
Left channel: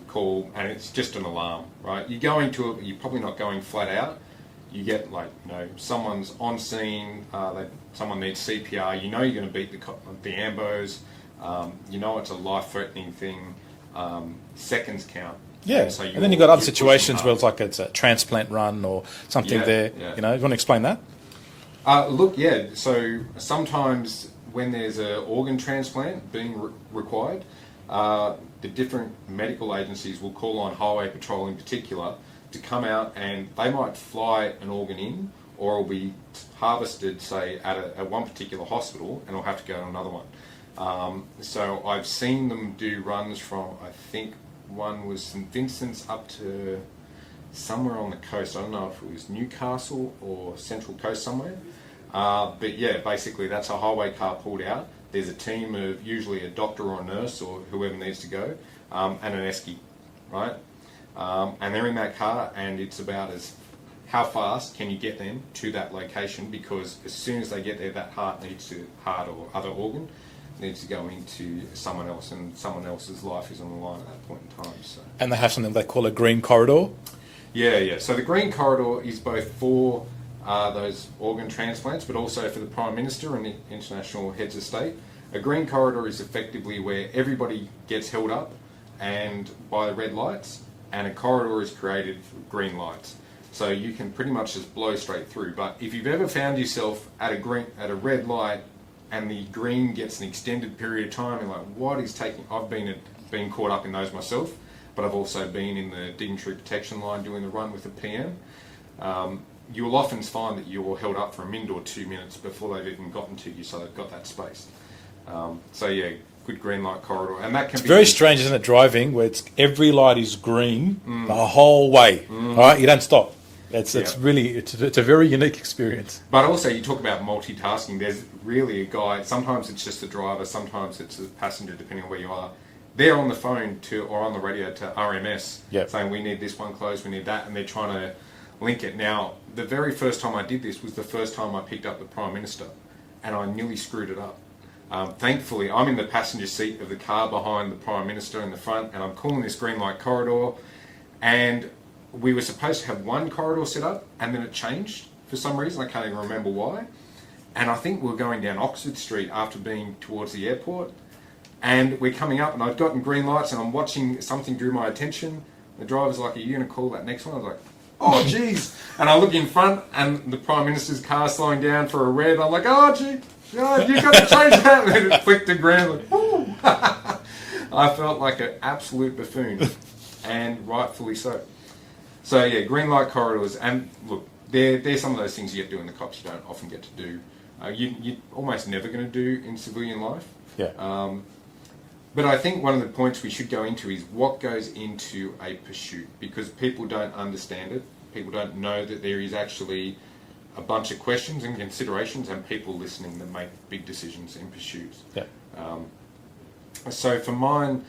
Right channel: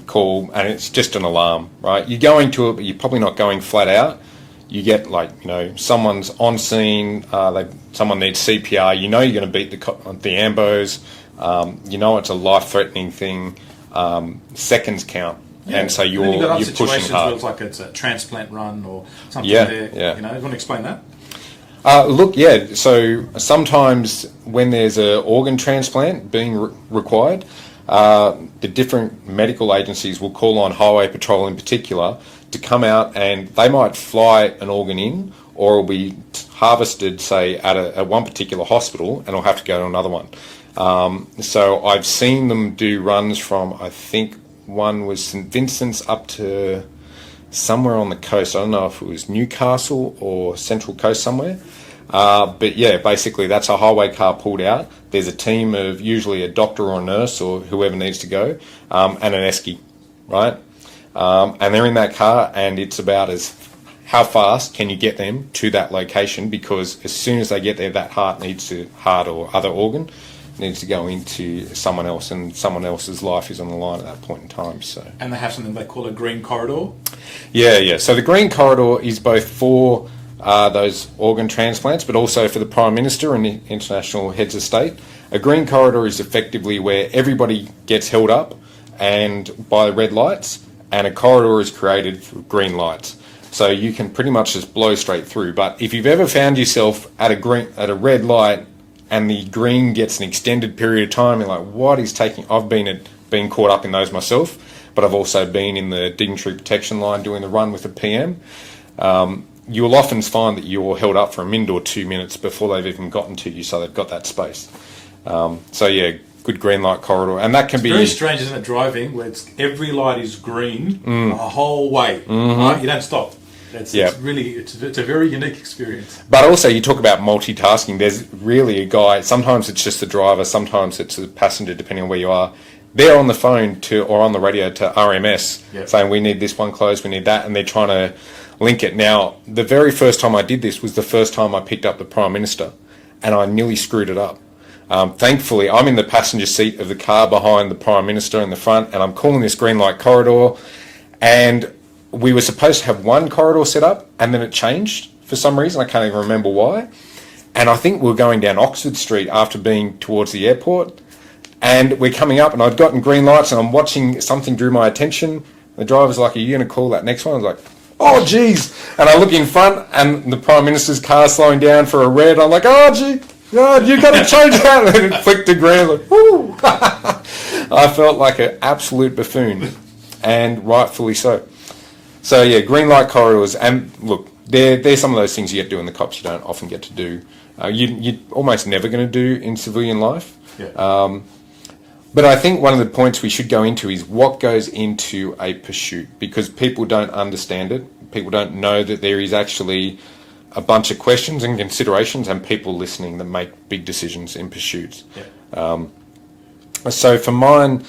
call, and it's just an alarm, right? You're going to it, but you're probably not going flat out. You get someone's on scene, someone needs CPR. You're going to beat the ambos. It's a life-threatening thing. Seconds count. Yeah, and so and then you've got other pushing situations hard. where it's like it's a transplant run or something Yeah. You want to explain that? So sometimes when there's an organ transplant being required, the different medical agencies will call on Highway Patrol in particular to come out, and they might fly an organ in, or it'll be harvested, say, at one particular hospital, and it'll have to go to another one. So I've seen them do runs from, I think one was St Vincent's up to somewhere on the coast. I don't know if it was Newcastle or Central Coast somewhere. But yeah, basically that's a highway car pulled out. There's a team of usually a doctor or a nurse or whoever needs to go, and an esky, right? And they're in that car, and it's about how fast can you get them to that location, because as soon as they get there, that heart or other organ needs to go into someone else, and someone else's life is on the line at that point in time. So. And they have something they call a green corridor? Yeah. So the green corridor is both for those organ transplants, but also for the Prime Minister and the international heads of state. A green corridor is effectively where everybody gets held up and by red lights, and a corridor is created for green lights. So you can pretty much just blow straight through. But if you've ever found yourself at a red light and the green gets an extended period of time, you're like, what is taking... I've been caught up in those myself, but I've also been in the dignitary protection line doing the run with the PM. You'll often find that you're held up for a minute or 2 minutes before they've even gotten to you, so they've got that space. So yeah, good green light corridor, and that can be very strange, isn't it? Driving where every light is green the whole way, right? You don't stop. It's really it's a very unique experience. But also, you talk about multitasking. There's really a guy. Sometimes it's just the driver. Sometimes it's the passenger, depending on where you are. They're on the phone or on the radio to RMS saying, we need this one closed, we need that, and they're trying to link it. Now, the very first time I did this was the first time I picked up the Prime Minister, and I nearly screwed it up. Thankfully, I'm in the passenger seat of the car behind the Prime Minister in the front, and I'm calling this green light corridor, and we were supposed to have one corridor set up, and then it changed for some reason. I can't even remember why. And I think we were going down Oxford Street after being towards the airport, and we're coming up, and I'd gotten green lights, and I'm watching, something drew my attention. The driver's like, are you going to call that next one? I was like, oh, geez. And I look in front, and the Prime Minister's car slowing down for a red. I'm like, oh, gee, God, you've got to change that. And then it flicked the green. Like, whoo. I felt like an absolute buffoon, and rightfully so. So, yeah, green light corridors. And, look, they're some of those things you get to do in the cops you don't often get to do. You're almost never going to do in civilian life. Yeah. But I think one of the points we should go into is what goes into a pursuit, because people don't understand it. People don't know that there is actually a bunch of questions and considerations and people listening that make big decisions in pursuits. Yeah. So for mine,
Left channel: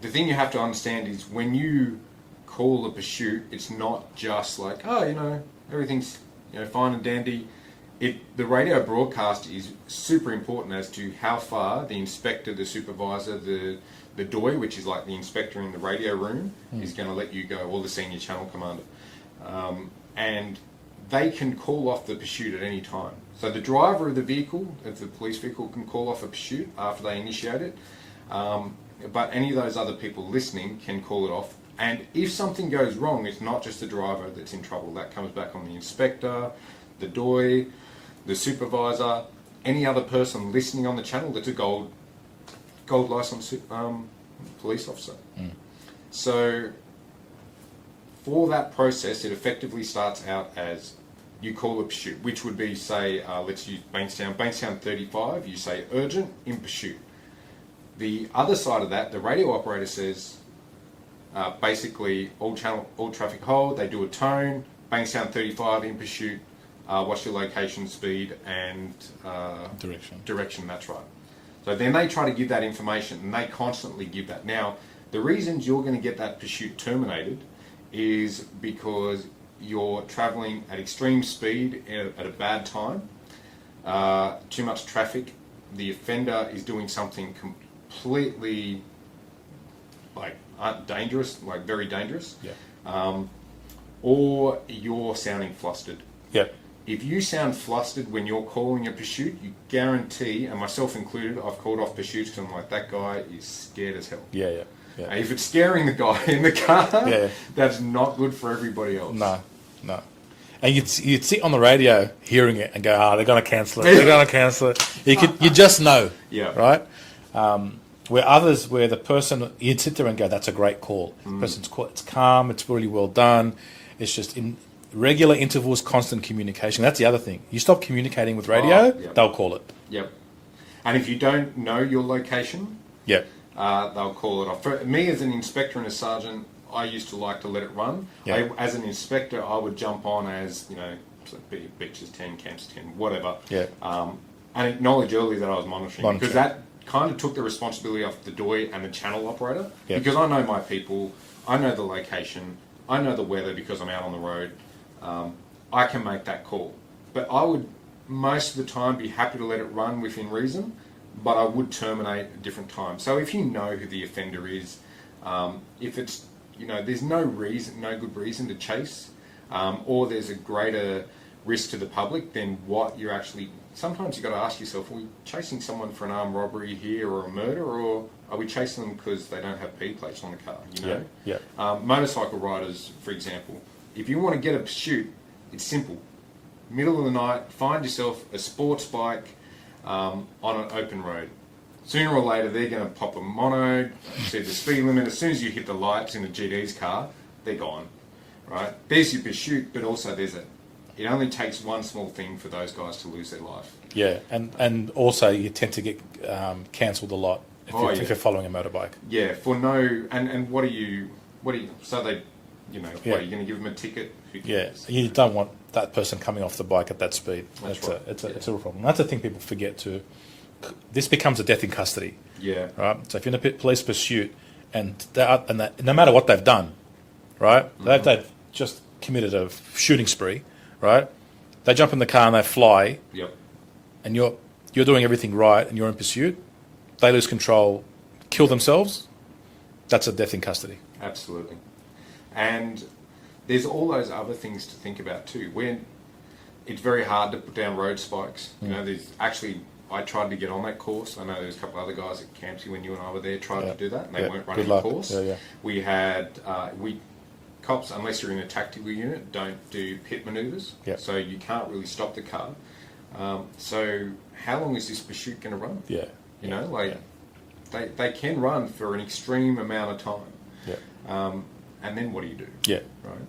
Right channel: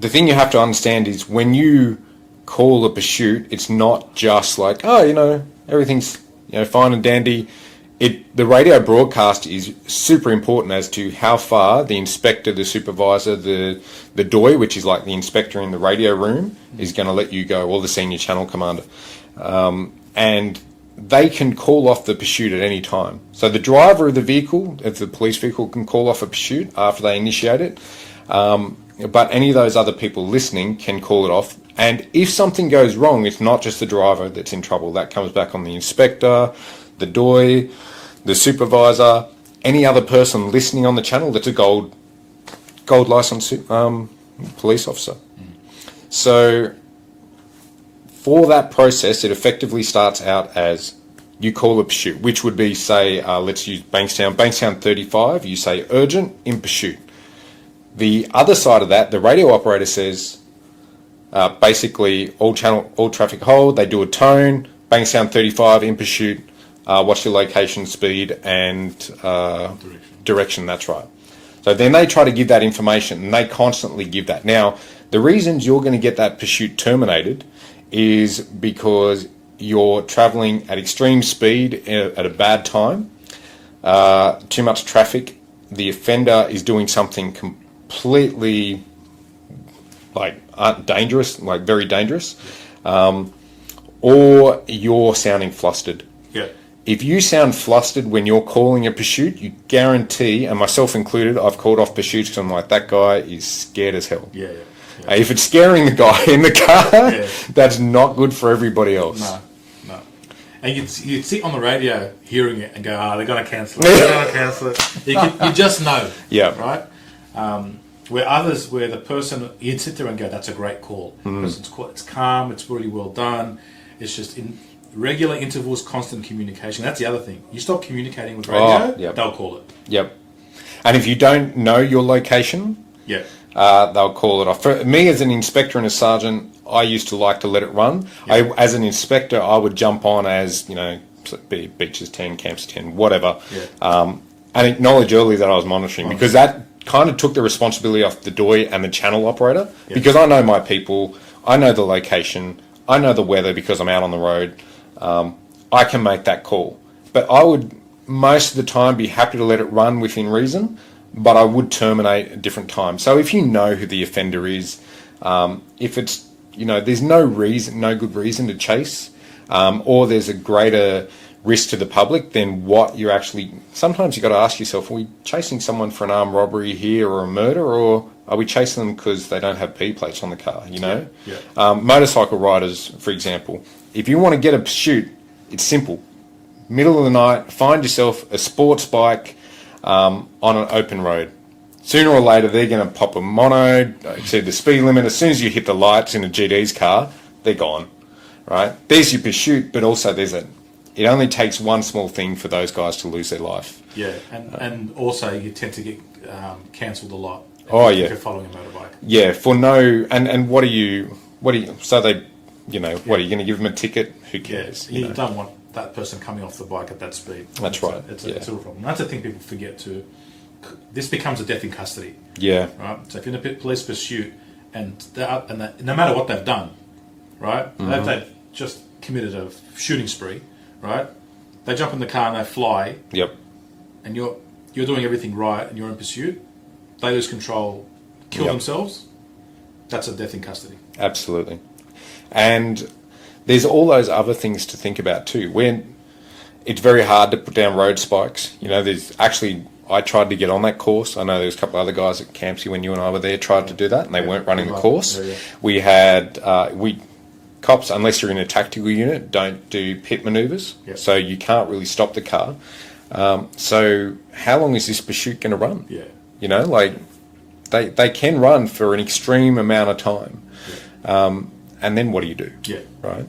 the thing you have to understand is when you call a pursuit, it's not just like, oh, everything's fine and dandy. The radio broadcast is super important as to how far the inspector, the supervisor, the DOI, which is like the inspector in the radio room, is going to let you go, or the senior channel commander. And they can call off the pursuit at any time. So the driver of the vehicle, of the police vehicle, can call off a pursuit after they initiate it. But any of those other people listening can call it off. And if something goes wrong, it's not just the driver that's in trouble. That comes back on the inspector, the DOI, the supervisor, any other person listening on the channel that's a gold license police officer. So for that process, it effectively starts out as you call a pursuit, which would be, say, let's use Bankstown 35, you say urgent, in pursuit. The other side of that, the radio operator says, basically, all traffic hold, they do a tone, Bankstown 35, in pursuit, what's your location, speed, and direction, that's right. So then they try to give that information, and they constantly give that. Now, the reasons you're going to get that pursuit terminated is because you're travelling at extreme speed at a bad time, too much traffic, the offender is doing something completely dangerous, like very dangerous, or you're sounding flustered. Yeah. If you sound flustered when you're calling a pursuit, you guarantee, and myself included, I've called off pursuits because I'm like, that guy is scared as hell. Yeah. If it's scaring the guy in the car, that's not good for everybody else. No. And you'd sit on the radio hearing it and go, they're going to cancel it. They're going to cancel it. You just know. Yeah. Right? Where the person, you'd sit there and go, that's a great call. It's calm, it's really well done. It's just in regular intervals, constant communication. That's the other thing. You stop communicating with radio, they'll call it. Yep. And if you don't know your location, they'll call it off. For me, as an inspector and a sergeant, I used to like to let it run. Yep. As an inspector, I would jump on as, beaches 10, camps 10, whatever, and acknowledge early that I was monitoring, because that kind of took the responsibility off the DOI and the channel operator, because I know my people, I know the location, I know the weather because I'm out on the road. I can make that call. But I would, most of the time, be happy to let it run within reason, but I would terminate at different times. So if you know who the offender is, if it's, there's no good reason to chase, or there's a greater risk to the public than what you're actually... Sometimes you've got to ask yourself, are we chasing someone for an armed robbery here or a murder, or are we chasing them because they don't have P plates on the car, Motorcycle riders, for example, if you want to get a pursuit, it's simple. Middle of the night, find yourself a sports bike on an open road. Sooner or later, they're going to pop a mono, exceed the speed limit. As soon as you hit the lights in a GD's car, they're gone, right? There's your pursuit, but also it only takes one small thing for those guys to lose their life. Yeah, and also you tend to get cancelled a lot if you're following a motorbike. Yeah, for no... And what are you... So they... what, are you going to give them a ticket? Who cares? Yeah, you don't want that person coming off the bike at that speed. That's right. It's a real problem. That's the thing people forget too. This becomes a death in custody. Yeah. Right? So if you're in a police pursuit and no matter what they've done, right? They've just committed a shooting spree, right? They jump in the car and they fly. Yep. And you're doing everything right and you're in pursuit. They lose control, kill themselves. That's a death in custody. Absolutely. And there's all those other things to think about too. When it's very hard to put down road spikes. There's actually... I tried to get on that course. I know there's a couple of other guys at Campsie when you and I were there tried to do that, and they weren't running the course. We had cops, unless you're in a tactical unit, don't do pit manoeuvres, so you can't really stop the car. So how long is this pursuit going to run? They can run for an extreme amount of time, and then what do you do? Right.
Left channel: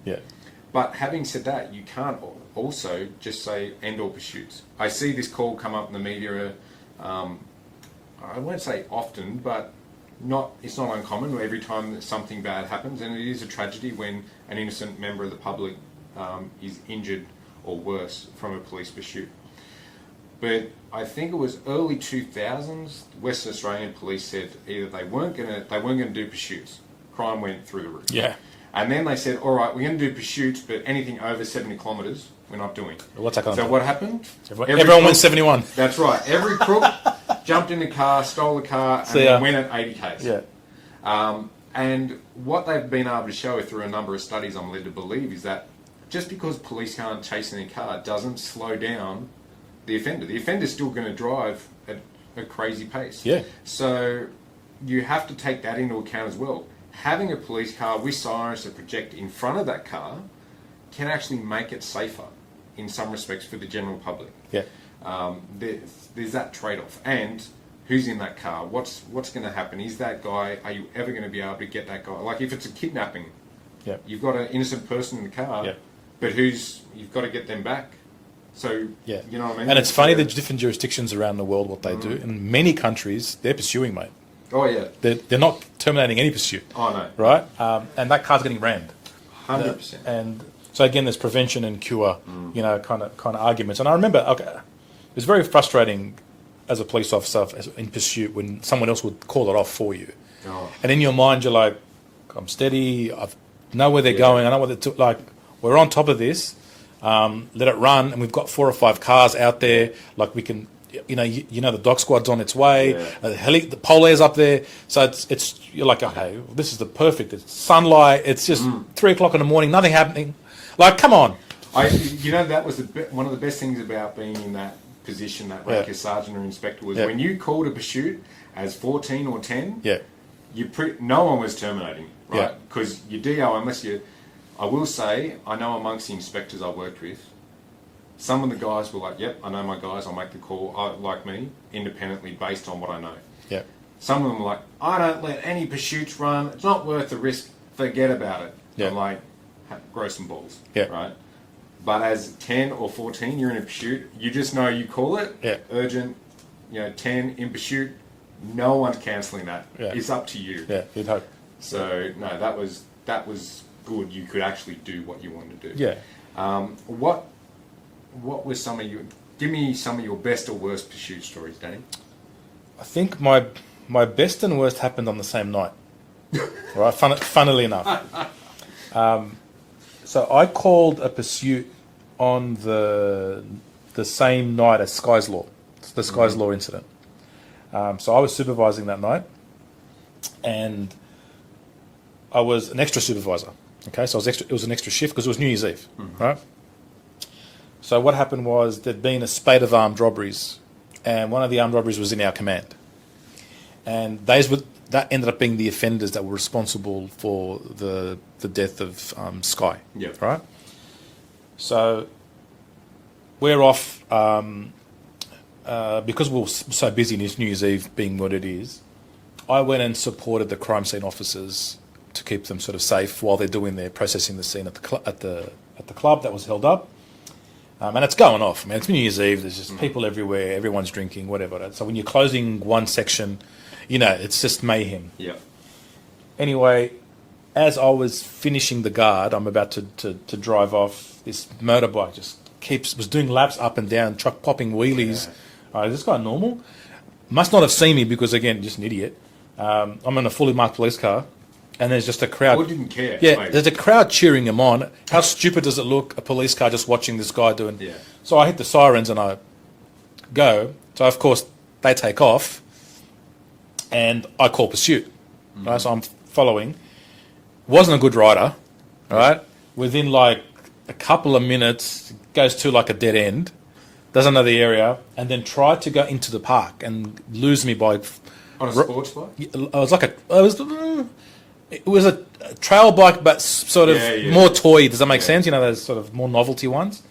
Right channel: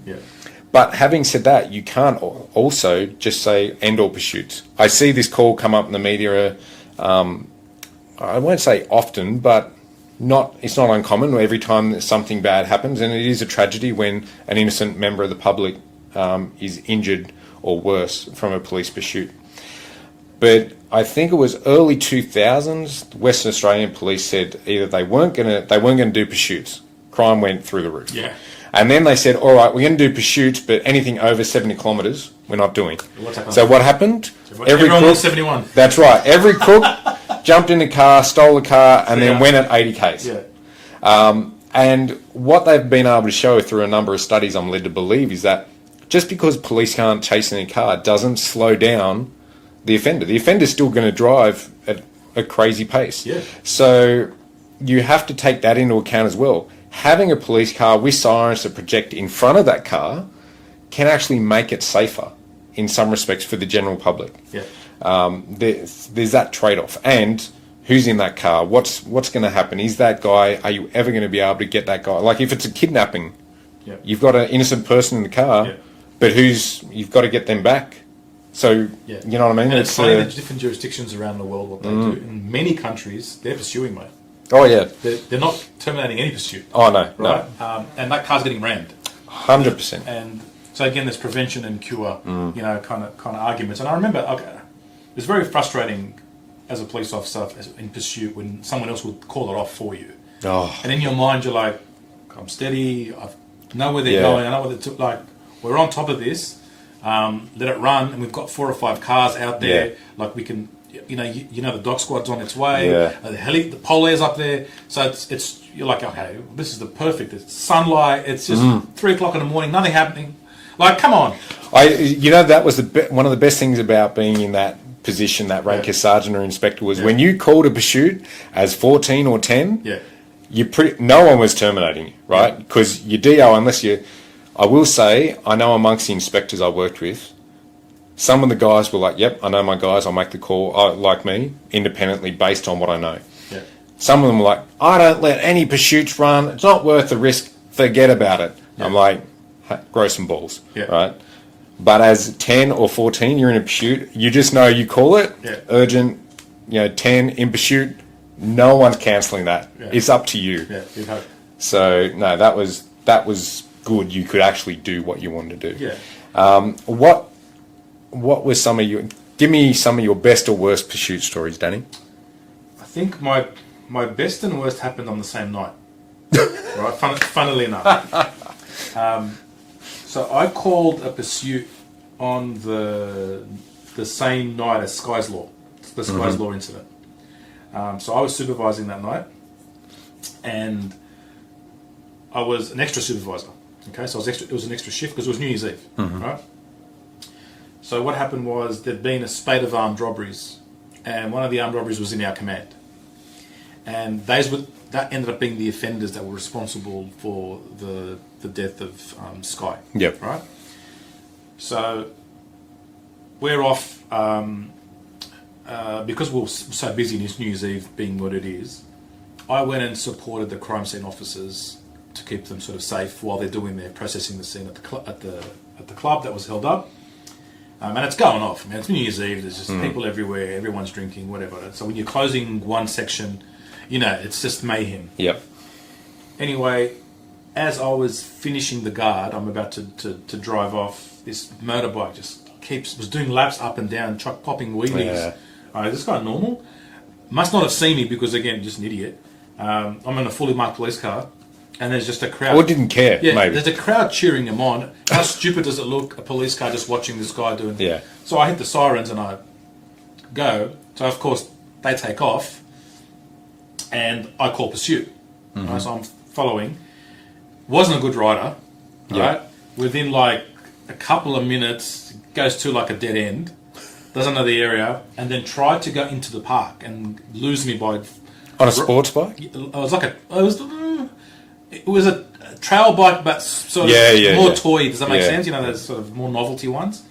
But having said that, you can't also just say end all pursuits. I see this call come up in the media, I won't say often, but it's not uncommon every time that something bad happens, and it is a tragedy when an innocent member of the public is injured or worse from a police pursuit. But I think it was early 2000s, Western Australian police said either they weren't going to do pursuits. Crime went through the roof. Yeah. And then they said, all right, we're going to do pursuits, but anything over 70 kilometres, we're not doing. What's that so what happened? Everyone went 71. That's right. Every crook jumped in the car, stole the car, and then went at 80 k's. Yeah. And what they've been able to show through a number of studies, I'm led to believe, is that just because police can't chase in a car doesn't slow down the offender. The offender's still going to drive at a crazy pace. Yeah. So you have to take that into account as well. Having a police car with sirens that project in front of that car can actually make it safer. in some respects for the general public. Yeah. There's that trade-off. And who's in that car? What's going to happen? Is that guy, are you ever going to be able to get that guy? Like if it's a kidnapping, Yeah. you've got an innocent person in the car, Yeah. but you've got to get them back. So, Yeah. you know what I mean? And it's funny, there's different jurisdictions around the world, what they do. In many countries, they're pursuing, mate. Oh, yeah. They're not terminating any pursuit. Oh, no. Right? And that car's getting rammed. 100%. And so again, there's prevention and cure, kind of arguments. And I remember, it was very frustrating as a police officer in pursuit when someone else would call it off for you. Oh. And in your mind, you're like, I'm steady. I know where they're Yeah. going. I know what they're like. We're on top of this. Let it run, and we've got 4 or 5 cars out there. Yeah. Like we can, the dog squad's on its way. Yeah. The Polar's up there. So it's you're like, okay, this is the perfect. It's sunlight. It's just 3 o'clock in the morning. Nothing happening. Like, come on. That was one of the best things about being in that position, that rank as sergeant or inspector, was when you called a pursuit as 14 or 10. Yeah. No one was terminating you, right? Because your DO, I will say, I know amongst the inspectors I worked with, some of the guys were like, yep, I know my guys, I'll make the call, like me, independently based on what I know. Yeah. Some of them were like, I don't let any pursuits run, it's not worth the risk, forget about it. Yeah. I'm like, grow some balls, Yeah. right? But as 10 or 14, you're in a pursuit, you just know you call it, urgent, 10 in pursuit, no one's cancelling that. Yeah. It's up to you. Yeah, you'd hope. So, no, that was good. You could actually do what you wanted to do. Yeah. What was some of your... Give me some of your best or worst pursuit stories, Danny. I think my best and worst happened on the same night. Right, funnily enough. So I called a pursuit on the same night as Sky's Law, the Sky's Law incident. So I was supervising that night, and I was an extra supervisor. Okay, so it was an extra shift because it was New Year's Eve, right? So what happened was there'd been a spate of armed robberies, and one of the armed robberies was in our command, and that ended up being the offenders that were responsible for the death of Sky. Yep. Right. So we're off because we were so busy in this New Year's Eve being what it is. I went and supported the crime scene officers to keep them sort of safe while they're doing their processing the scene at the club that was held up. And it's going off, man. It's New Year's Eve. There's just people everywhere. Everyone's drinking, whatever. So when you're closing one section, it's just mayhem. Yep. Anyway, as I was finishing the guard, I'm about to drive off. This motorbike was doing laps up and down, truck popping wheelies. Yeah. All right, is this guy normal? Must not have seen me because, again, just an idiot. I'm in a fully marked police car, and there's just a crowd. Or didn't care, Yeah, maybe. there's a crowd cheering him on. How stupid does it look, a police car just watching this guy doing... Yeah. So I hit the sirens and I go. So, of course, they take off, and I call pursuit. Right? So I'm following. Wasn't a good rider, right? Within, like, a couple of minutes, goes to, like, a dead end, doesn't know the area, and then tried to go into the park and lose me by... On a sports bike? It was a trail bike, but sort of more toy. Does that make Yeah. sense? Those sort of more novelty ones.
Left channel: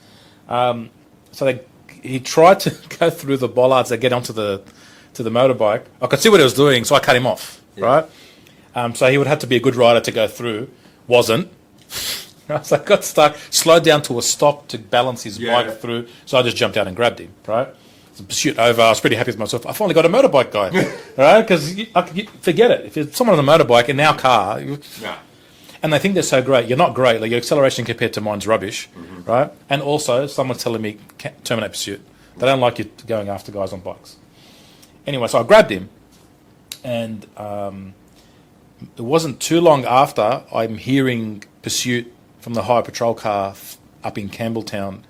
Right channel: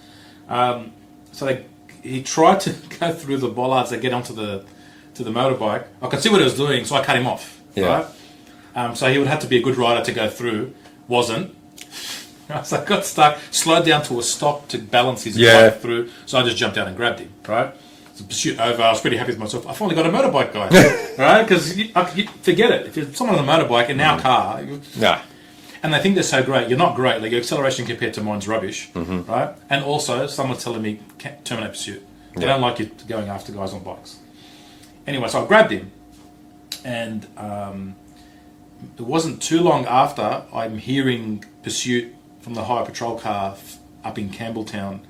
So he tried to go through the bollards that get onto the motorbike. I could see what he was doing, so I cut him off. Yeah. Right. So he would have to be a good rider to go through. Wasn't. So I got stuck, slowed down to a stop to balance his bike through. So I just jumped down and grabbed him. Right. So pursuit over. I was pretty happy with myself. I finally got a motorbike guy. Right. Because forget it. If it's someone on a motorbike in our car. And they think they're so great. You're not great. Like your acceleration compared to mine's rubbish, right? And also, someone's telling me terminate pursuit. They don't like you going after guys on bikes. Anyway, so I grabbed him, and it wasn't too long after I'm hearing pursuit from the hire patrol car up in Campbelltown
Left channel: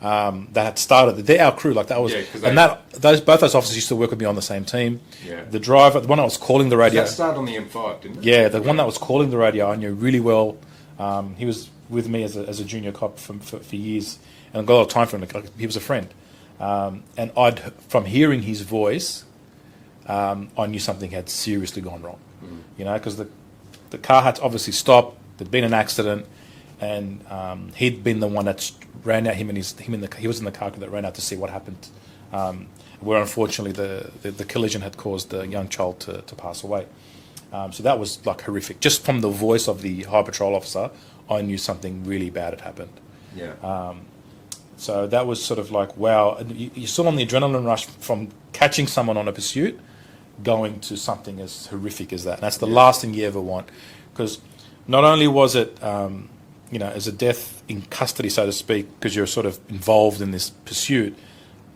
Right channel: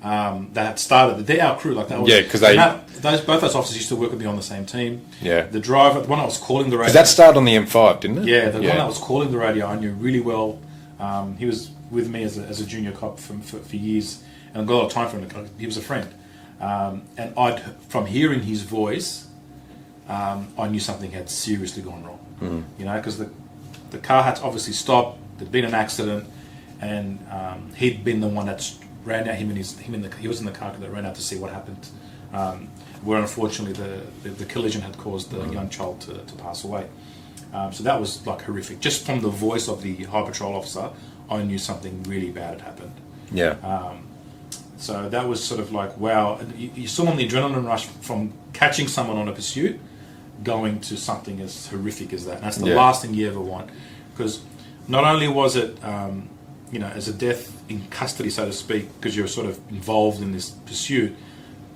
that had started. They're our crew, like that was. Yeah, because both those officers used to work with me on the same team. Yeah. The driver, the one that was calling the radio. That started on the M5, didn't it? Yeah, the one that was calling the radio I knew really well. He was with me as a junior cop for years, and I got a lot of time for him. Like, he was a friend, and from hearing his voice, I knew something had seriously gone wrong. Because the car had obviously stopped. There'd been an accident, and he'd been the one that ran out. He was in the car that ran out to see what happened. Where unfortunately the collision had caused the young child to pass away. So that was like horrific. Just from the voice of the High Patrol officer, I knew something really bad had happened. Yeah. So that was sort of like, wow. And you saw on the adrenaline rush from catching someone on a pursuit going to something as horrific as that. And that's the last thing you ever want. Because not only was it, as a death in custody, so to speak, because you're sort of involved in this pursuit,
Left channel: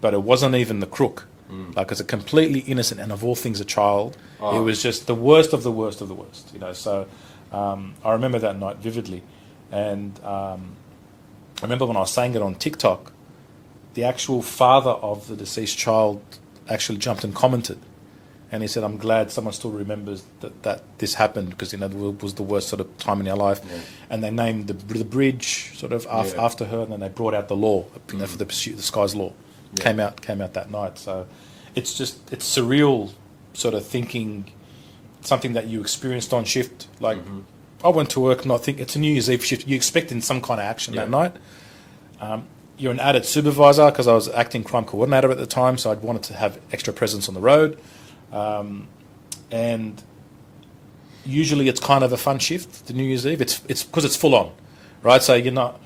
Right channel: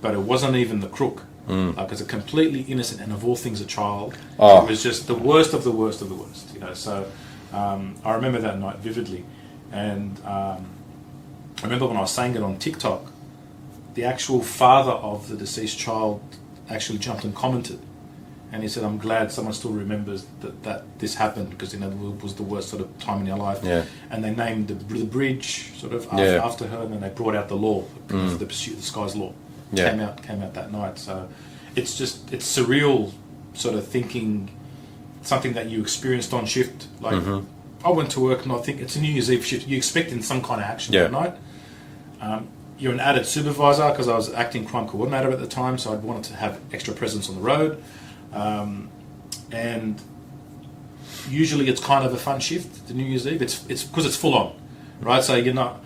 but it wasn't even the crook. Like, it's a completely innocent, and of all things, a child. Oh. It was just the worst of the worst of the worst, So I remember that night vividly. And I remember when I was saying it on TikTok, the actual father of the deceased child actually jumped and commented. And he said, I'm glad someone still remembers that this happened, because, it was the worst sort of time in our life. Yeah. And they named the bridge sort of after her, and then they brought out the law, for the pursuit, the Sky's Law. Yeah. Came out that night. So it's surreal sort of thinking something that you experienced on shift. Like, I went to work and I think it's a New Year's Eve shift. You're expecting some kind of action that night. You're an added supervisor, because I was acting crime coordinator at the time, so I wanted to have extra presence on the road. And usually it's kind of a fun shift, the New Year's Eve. It's because it's full on, right? So you're not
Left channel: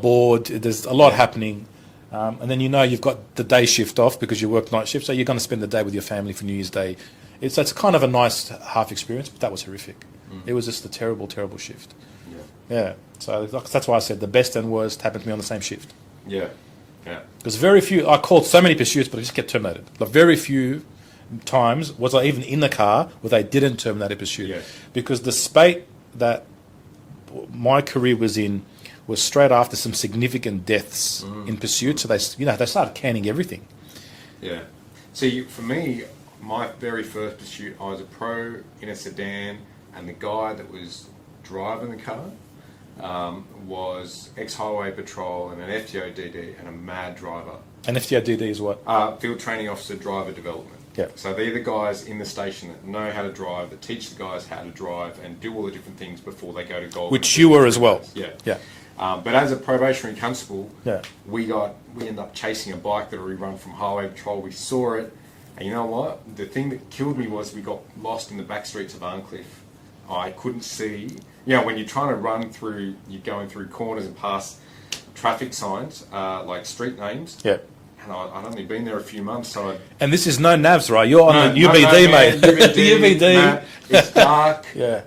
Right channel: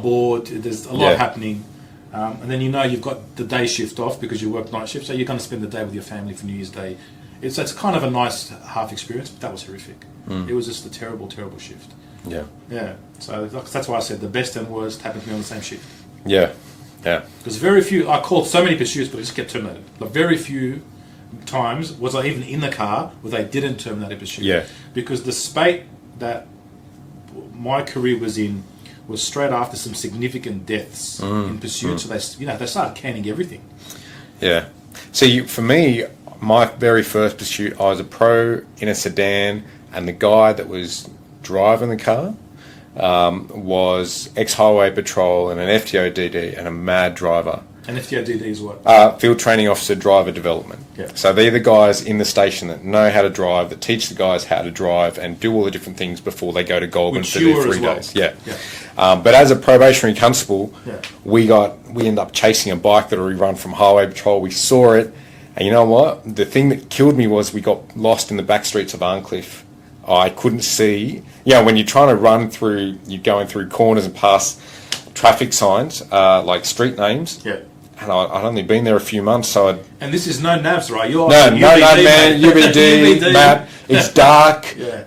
bored. There's a lot happening. And then you've got the day shift off because you work night shift, so you're going to spend the day with your family for New Year's Day. It's kind of a nice half experience, but that was horrific. It was just a terrible, terrible shift. Yeah. Yeah. So that's why I said the best and worst happened to me on the same shift. Yeah. Yeah. Because very few, I called so many pursuits, but I just kept terminated. But very few times was I even in the car where they didn't terminate a pursuit. Yeah. Because the spate that my career was in was straight after some significant deaths in pursuit. So they started canning everything. Yeah. See, for me, my very first pursuit, I was a pro in a sedan, and the guy that was driving the car was ex-highway patrol and an FTODD and a mad driver. And FTODD is what? Field Training Officer Driver Development. Yeah. So they're the guys in the station that know how to drive, that teach the guys how to drive and do all the different things before they go to Goulburn. Which you were as well. Yeah. Yeah. But as a probationary constable, Yeah. we ended up chasing a bike that we run from Highway Patrol. We saw it, and you know what? The thing that killed me was we got lost in the back streets of Arncliffe. I couldn't see. When you're trying to run through, you're going through corners and past traffic signs, like street names. Yeah. And I'd only been there a few months, so And this is no navs, right? You're no, on man, UBD, map. It's dark. Yeah.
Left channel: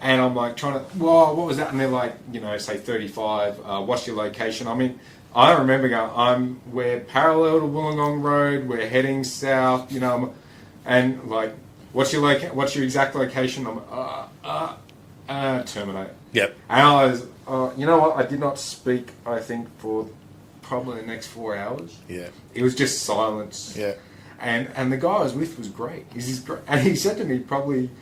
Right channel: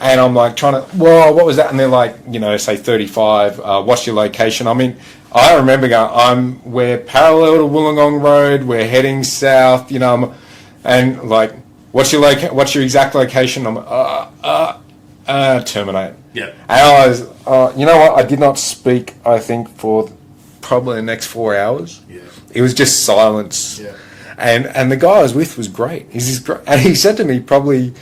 And I'm like trying to, what was that? And they're like, say 35. What's your location? I mean, I remember going, we're parallel to Wollongong Road. We're heading south. And like, what's your exact location? I'm terminate. Yeah. And I was, you know what? I did not speak, I think, for probably the next 4 hours. Yeah. It was just silence. Yeah. And the guy I was with was great. And he said to me probably,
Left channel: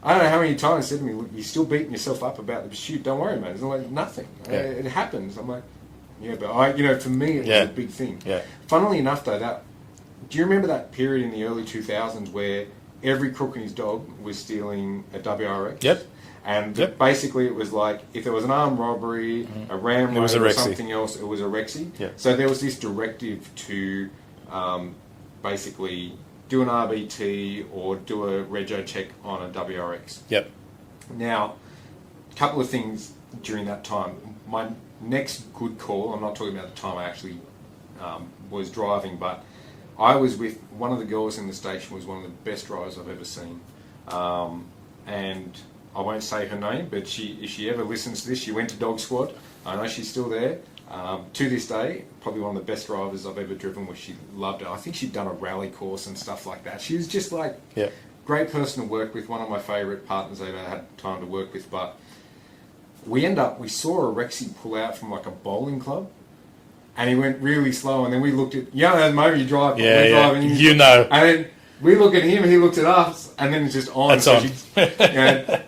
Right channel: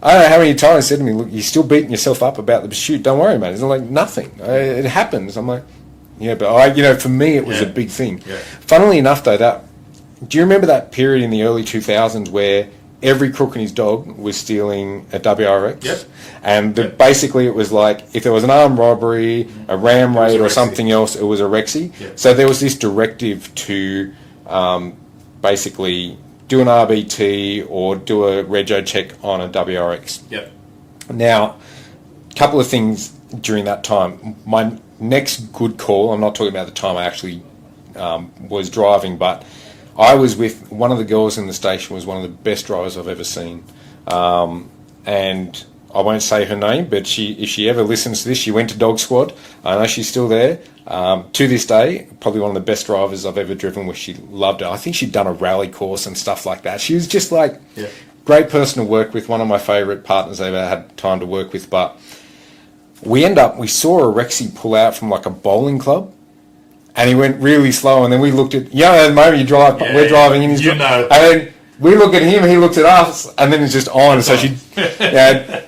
I don't know how many times, he said to me, look, you're still beating yourself up about the pursuit. Don't worry, mate. It's like nothing. It happens. I'm like, yeah, but for me, it was a big thing. Yeah. Funnily enough, though, do you remember that period in the early 2000s where every crook and his dog was stealing a WRX? Yep. And basically it was like, if there was an armed robbery, a ram raid or something else, it was a Rexy. Yep. So there was this directive to basically do an RBT or do a rego check on a WRX. Yep. Now, a couple of things during that time. My next good call, I'm not talking about the time I actually was driving, but I was with one of the girls in the station, was one of the best drivers I've ever seen. And I won't say her name, but if she ever listens to this, she went to Dog Squad. I know she's still there. To this day, probably one of the best drivers I've ever driven with. She loved it. I think she'd done a rally course and stuff like that. She was just like, great person to work with, one of my favourite partners I ever had time to work with. But we saw a Rexy pull out from like a bowling club. And he went really slow, and then we looked at, the moment you drive, we're driving in his... And then we look at him, he looks at us, and then it's just on. So she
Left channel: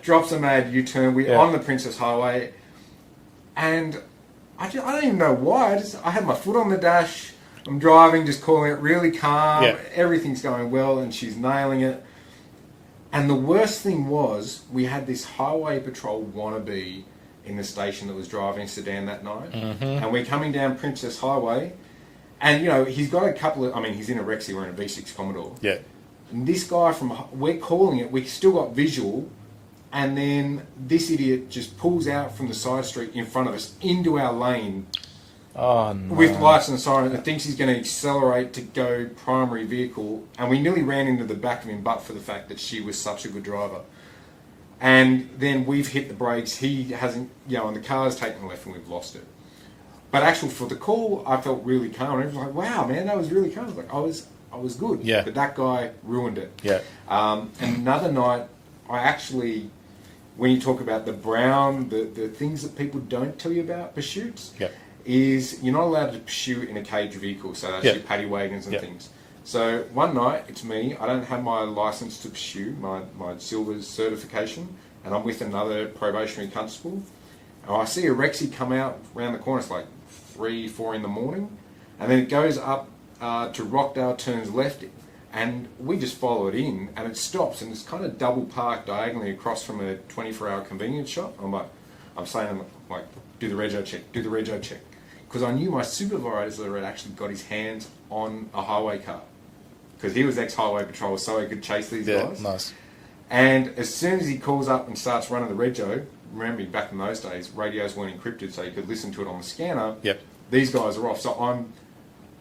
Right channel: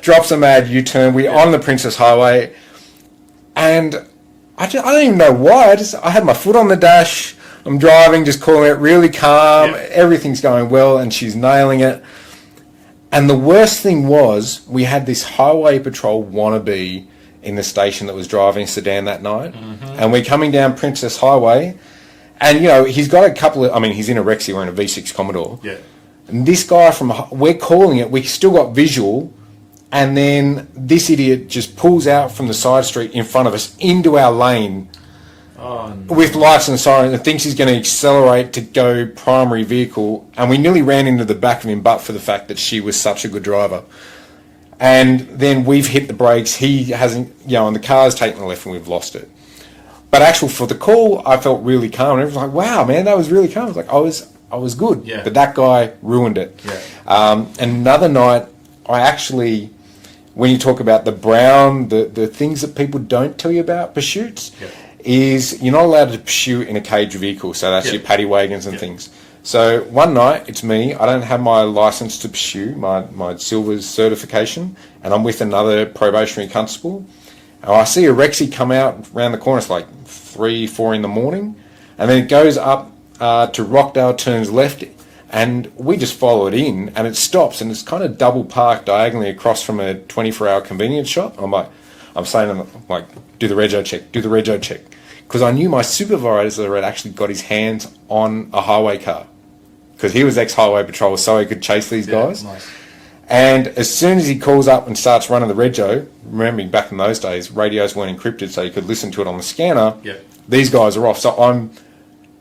drops a mad U-turn. We're on the Princess Highway, and I don't even know why. I had my foot on the dash. I'm driving, just calling it really calm. Yeah. Everything's going well, and she's nailing it. And the worst thing was, we had this Highway Patrol wannabe in the station that was driving a sedan that night. And we're coming down Princess Highway, and he's got a couple of, he's in a Rexy wearing a V6 Commodore. Yeah. And this guy we're calling it, we still got visual, and then this idiot just pulls out from the side street in front of us into our lane with lights and sirens and thinks he's going to accelerate to go primary vehicle, and we nearly ran into the back of him but for the fact that she was such a good driver. And then we've hit the brakes, he hasn't, and the car's taken the left and we've lost it. But for the call, I felt really calm. And it was like, wow, man, that was really calm. I was like, I was good. Yeah. But that guy ruined it. Yeah. And another night, I actually, when you talk about the brown, the things that people don't tell you about pursuits, is you're not allowed to pursue in a cage vehicle. So that's your paddy wagons and things. So one night, it's me. I don't have my license to pursue, my Silver's certification, and I'm with another probationary constable. And I see a Rexy come out around the corner. It's like 3, 4 in the morning. And then it goes up to Rockdale, turns left, and we just follow it in, and it stops, and it's kind of double parked diagonally across from a 24-hour convenience shop. I'm saying, do the rego check, do the rego check. Because I knew my supervisor had actually got his hands on a highway car. Because he was ex-highway patrol, so he could chase these guys. Nice. And as soon as he calls up and starts running the rego, remembering back in those days, radios weren't encrypted, so you could listen to it on the scanner. Yep. These guys are off. So I'm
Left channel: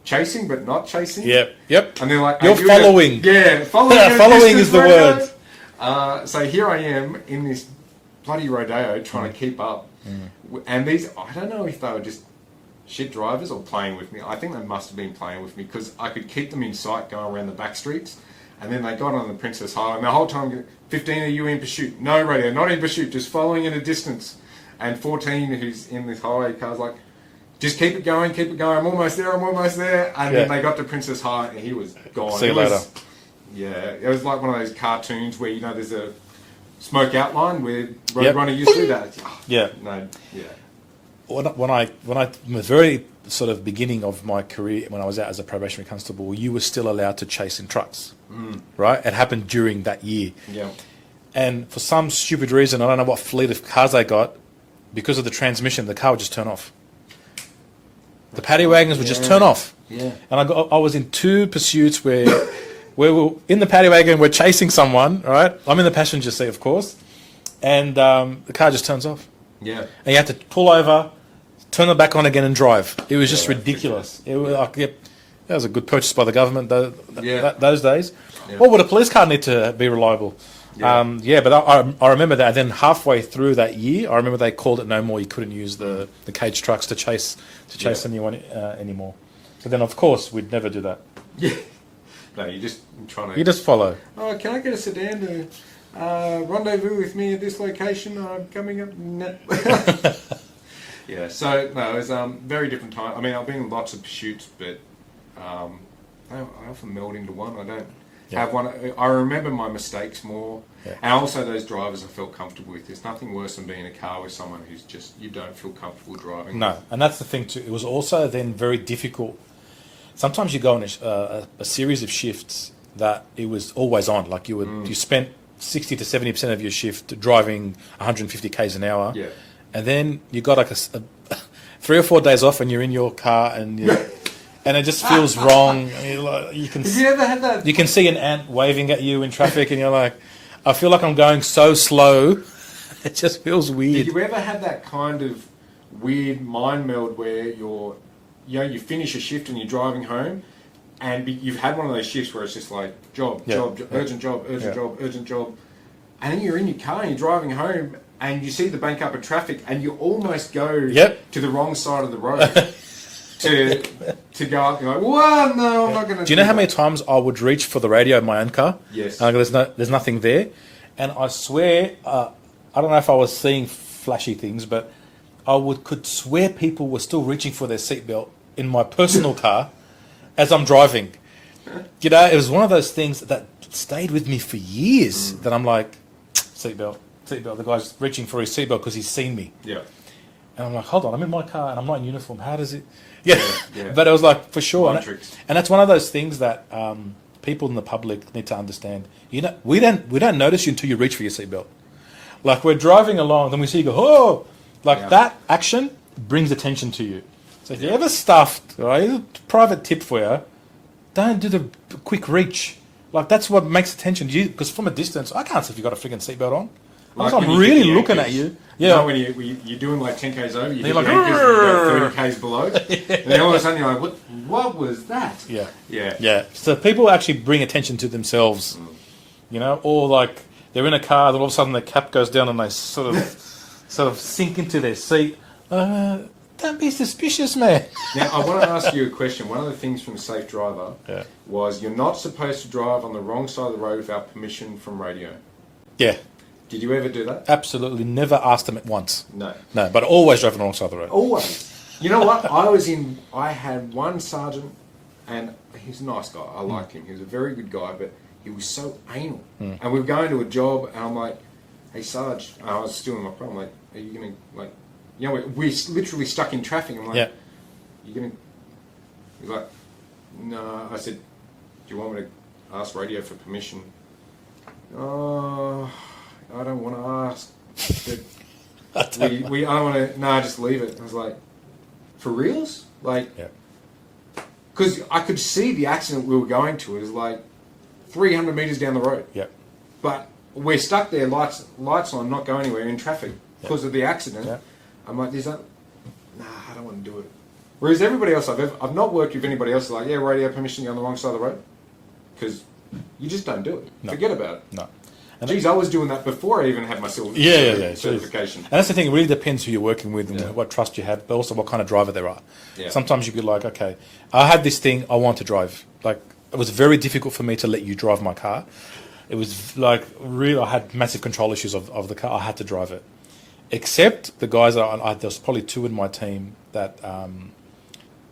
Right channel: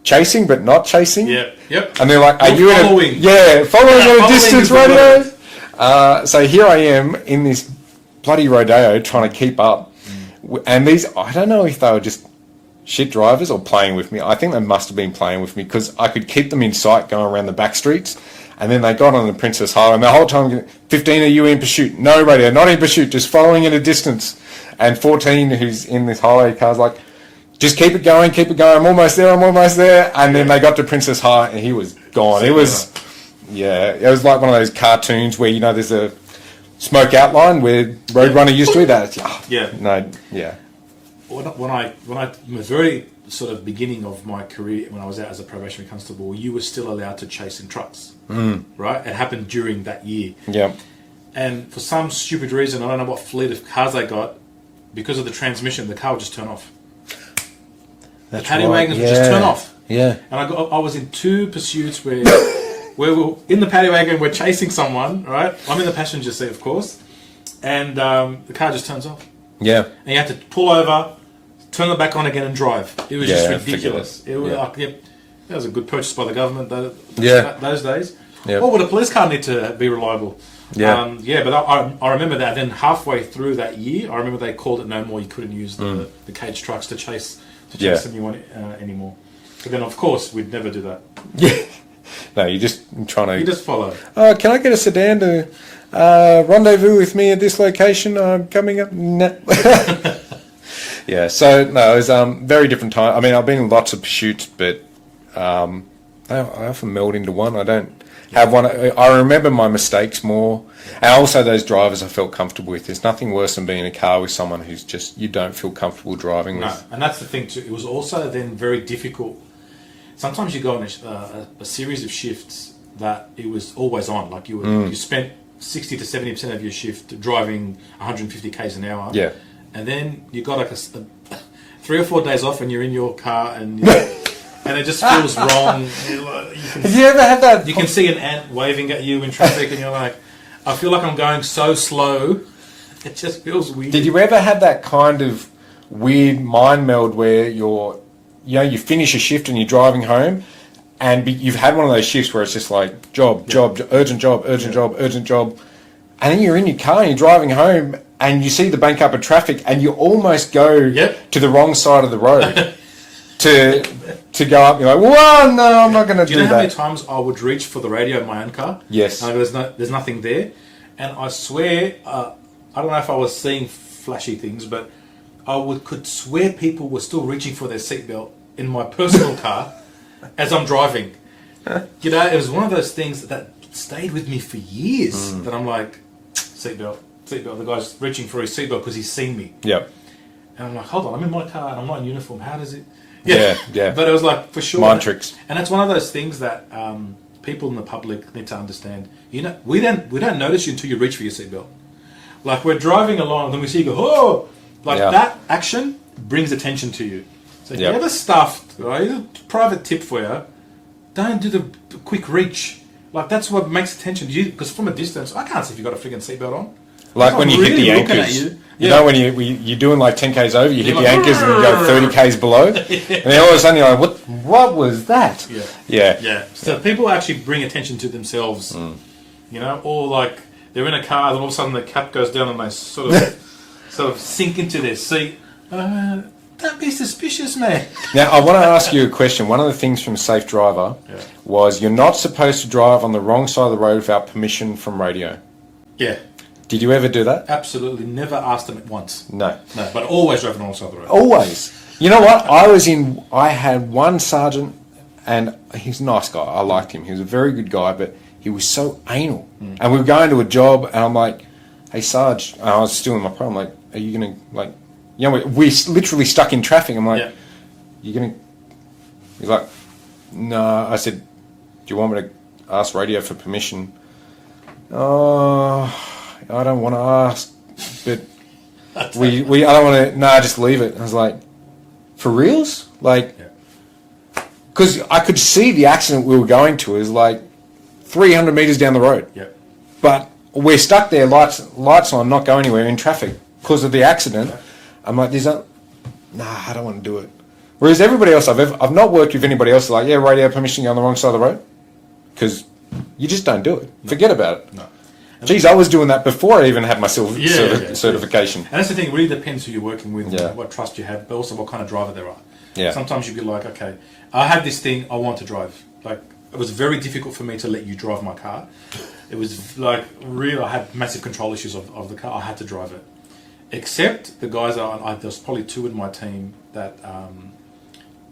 chasing, but not chasing. Yep. And they're like, You're following. Following at a following distance is the radio. So here I am in this bloody rodeo trying to keep up. And I don't know if they were just shit drivers or playing with me. I think they must have been playing with me because I could keep them in sight going around the back streets. And then they got on the Princess Highway, and the whole time, 15, are you in pursuit? No radio, not in pursuit, just following at a distance. And 14, who's in this highway car's like, just keep it going, I'm almost there. And then they got to Princess High, and he was gone. It was like one of those cartoons where, there's a smoke outline where Roadrunner used to do that. When I was very sort of beginning of my career, when I was out as a probationary constable, you were still allowed to chase in trucks, right? It happened during that year. Yeah. And for some stupid reason, I don't know what fleet of cars they got, because of the transmission, the car would just turn off. The paddy wagons would just turn off. Yeah. And I was in 2 pursuits where we're in the paddy wagon, we're chasing someone, right? I'm in the passenger seat, of course, and the car just turns off. Yeah. And you have to pull over, turn it back on again and drive. It was just ridiculous. It was that was a good purchase by the government those days. Yeah. What would a police car need to be reliable? Yeah. But I remember that. Then halfway through that year, I remember they called it no more. You couldn't use the cage trucks to chase anyone anymore. But then, of course, we'd never do that. Yeah. No, you're just trying to... You just follow. Oh, can I get a sedan to rendezvous with me at this location? I'm coming up. No. Yeah, so, no, it was very different time. I've been in lots of pursuits, but I often meld into one. I don't have one. I remember my mistakes more. Yeah. And also those drivers I felt comfortable with. There's nothing worse than being in a car with someone who's just, you don't feel comfortable driving with. No, and that's the thing too. It was also then very difficult. Sometimes you go on a series of shifts that it was always on. Like you spent 60 to 70% of your shift driving 150 k's an hour. Yeah. And then you got like 3 or 4 days off and you're in your car and and it just feels wrong. Have you ever had that? You can see an ant waving at you in traffic and you're like, I feel like I'm going so slow. It just feels weird. Did you ever have that kind of weird mind meld where you finish a shift and you're driving home and you've had one of those shifts where it's just like job, urgent job, urgent job. And then you're in your car and you're driving home and you see the bank up of traffic and you almost go to the wrong side of the road to go up. You're like, whoa, no, I'm not going to do that. Do you know how many times I would reach for the radio in my own car? Yes. And I go, there's nothing there. And I swear, I don't know if I was seeing flashy things, but I could swear people were still reaching for their seatbelt in my personal car as I'm driving. It was one of those things that stayed with me for years. That I'm like, seatbelt. The guy's reaching for his seatbelt because he's seen me. Yep. And I'm like, hold on, I'm in my car and I'm not in uniform. How does it? Yeah. But it was like, for sure. Mind tricks. And that's one of those things that people in the public need to understand. We don't notice you until you reach for your seatbelt. Like we're driving along, then we see you go, oh, Like Yeah. that action brings attention to you. So if Yeah. you ever stuffed, right, here's a private tip for you, don't do the quick reach. Like that's what makes attention to you, because from a distance, I can't see if you've got a freaking seatbelt on. Like I'm when you really hit the looking anchors. at you. You know when you're doing like 10Ks over, you hit You're the like, anchors and you go 30Ks below. And then all of a sudden you're like, what was that? Yeah. Yeah. Yeah. So people actually bring attention to themselves, you know, or like they're in a car and all of a sudden the cap goes down and they sort of sink into their seat. Don't be suspicious, man. Now, I want to ask you a question. One of the things from Safe Driver was you're not supposed to drive on the wrong side of the road without permission from radio. Yeah. Did you ever do that? Absolutely. Never asked them at once. No. No, but always drove on the wrong side of the road. Always. You know what? I had one sergeant, and he's a nice guy. I liked him. He was a very good guy, but he was so anal. And we were going to a job, and I'm like, hey, Sarge, and I was still in my car. I'm like, are you going to, like, you know, we're literally stuck in traffic. I'm like, you going to, he's like, no. I said, do you want me to ask radio for permission? I don't want to ask, but I don't want to, just leave it. I was like, for reals? Like, because I could see the accident we were going to is like 300 metres down the road. Yeah. But we're stuck there, lights on, not going anywhere in traffic because of the accident. Yeah. I'm like, I don't want to do it. Whereas everybody else I've not worked with anybody else like, radio permission to go on the wrong side of the road, because you just don't do it. No. Forget about it. No. Geez, I was doing that before I even had my certification. And that's the thing, it really depends who you're working with, what trust you have, but also what kind of driver there are. Yeah. Sometimes you'd be like, okay, I have this thing, I want to drive. Like, it was very difficult for me to let you drive my car. It was like, really, I had massive control issues of the car. I had to drive it. Except the guys, there was probably two in my team that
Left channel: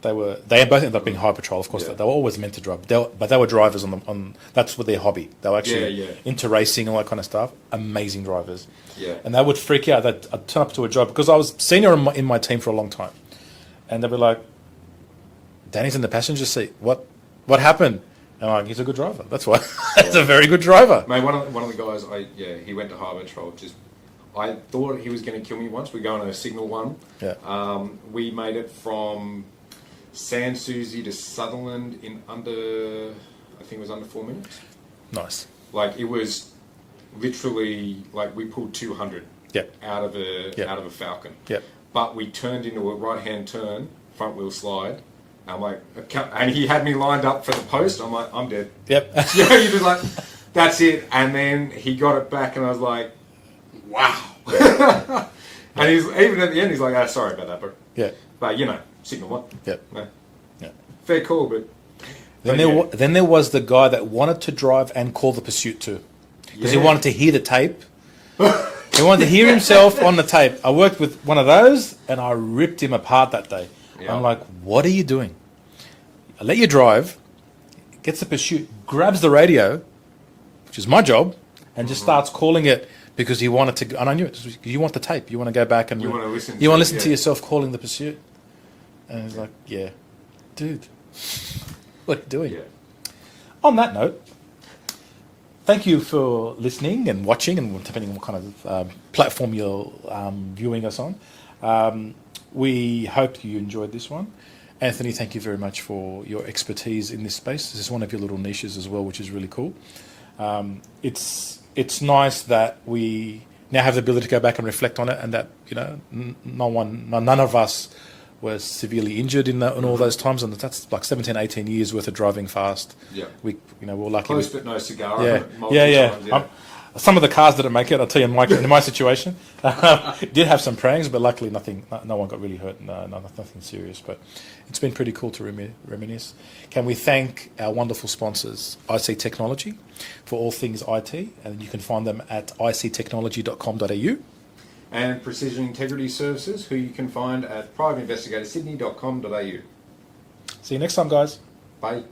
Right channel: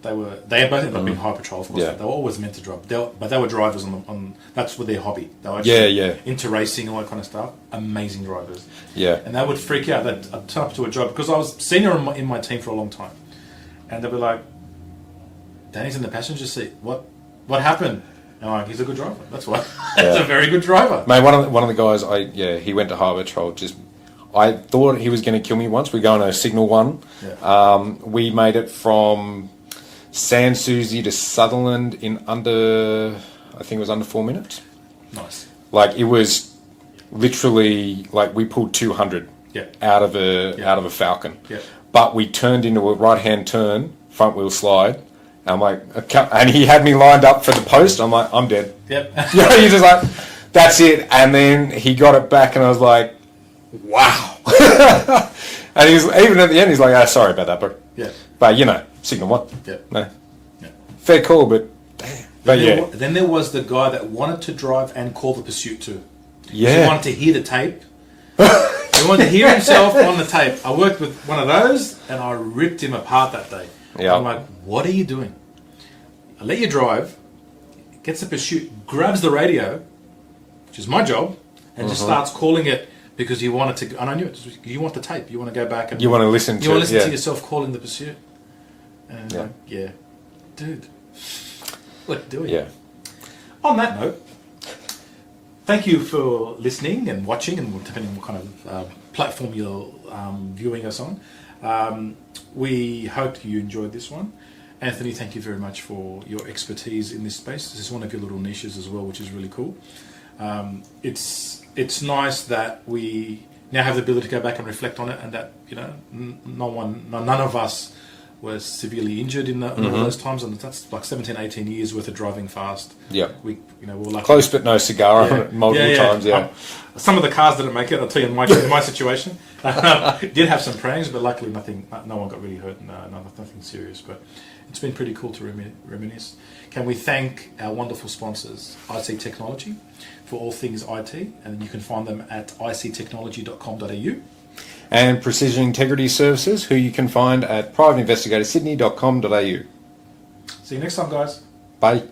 they both ended up being high patrol, of course. Yeah. They were always meant to drive, but they were drivers on that's what their hobby. They were actually into racing and all that kind of stuff. Amazing drivers. Yeah. And they would freak out. I'd turn up to a job because I was senior in my team for a long time, and they'd be like, "Danny's in the passenger seat. What happened?" And I'm like, "He's a good driver. That's why. He's a very good driver." Mate, one of the guys, he went to high patrol. I thought he was going to kill me once. We're going to Signal 1. Yeah. We made it from Sans Souci to Sutherland in under 4 minutes. Nice. Like, it was literally, like, we pulled 200 out of a Falcon. Yeah. But we turned into a right-hand turn, front wheel slide. And I'm like, and he had me lined up for the post. I'm like, I'm dead. Yep. You're just like, that's it. And then he got it back, and I was like, wow. And he's even at the end, he's like, sorry about that, bro. Yeah. But Signal 1. Yeah. No. Yeah. Fair call, but then there was the guy that wanted to drive and call the pursuit too. Yeah. He wanted to hear the tape. He wanted to hear himself on the tape. I worked with one of those, and I ripped him apart that day. Yeah. I'm like, what are you doing? I let you drive, gets the pursuit, grabs the radio, which is my job, and just starts calling it. Because he wanted to, and I knew it. You want the tape. You want to go back and you want to listen. You want to listen to yourself calling the pursuit. And dude, what are you doing? Yeah. On that note, thank you for listening and watching, and depending on what kind of platform you're viewing us on. We hope you enjoyed this one. Anthony, thank you very much for your expertise in this space. This is one of your little niches as well, which is really cool. It's nice that we now have the ability to go back and reflect on it, and that none of us were severely injured in all those times, and that's like 17, 18 years worth of driving fast. Yeah, we're lucky. Close but no cigar multiple times. Yeah, some of the cars didn't make it. I'll tell you, in my situation, did have some prangs, but luckily no one got really hurt. Nothing serious, but it's been pretty cool to reminisce. Can we thank our wonderful sponsors, IC Technology, for all things IT, and you can find them at ictechnology.com.au. And Precision Integrity Services, who you can find at privateinvestigatorsydney.com.au. See you next time, guys. Bye.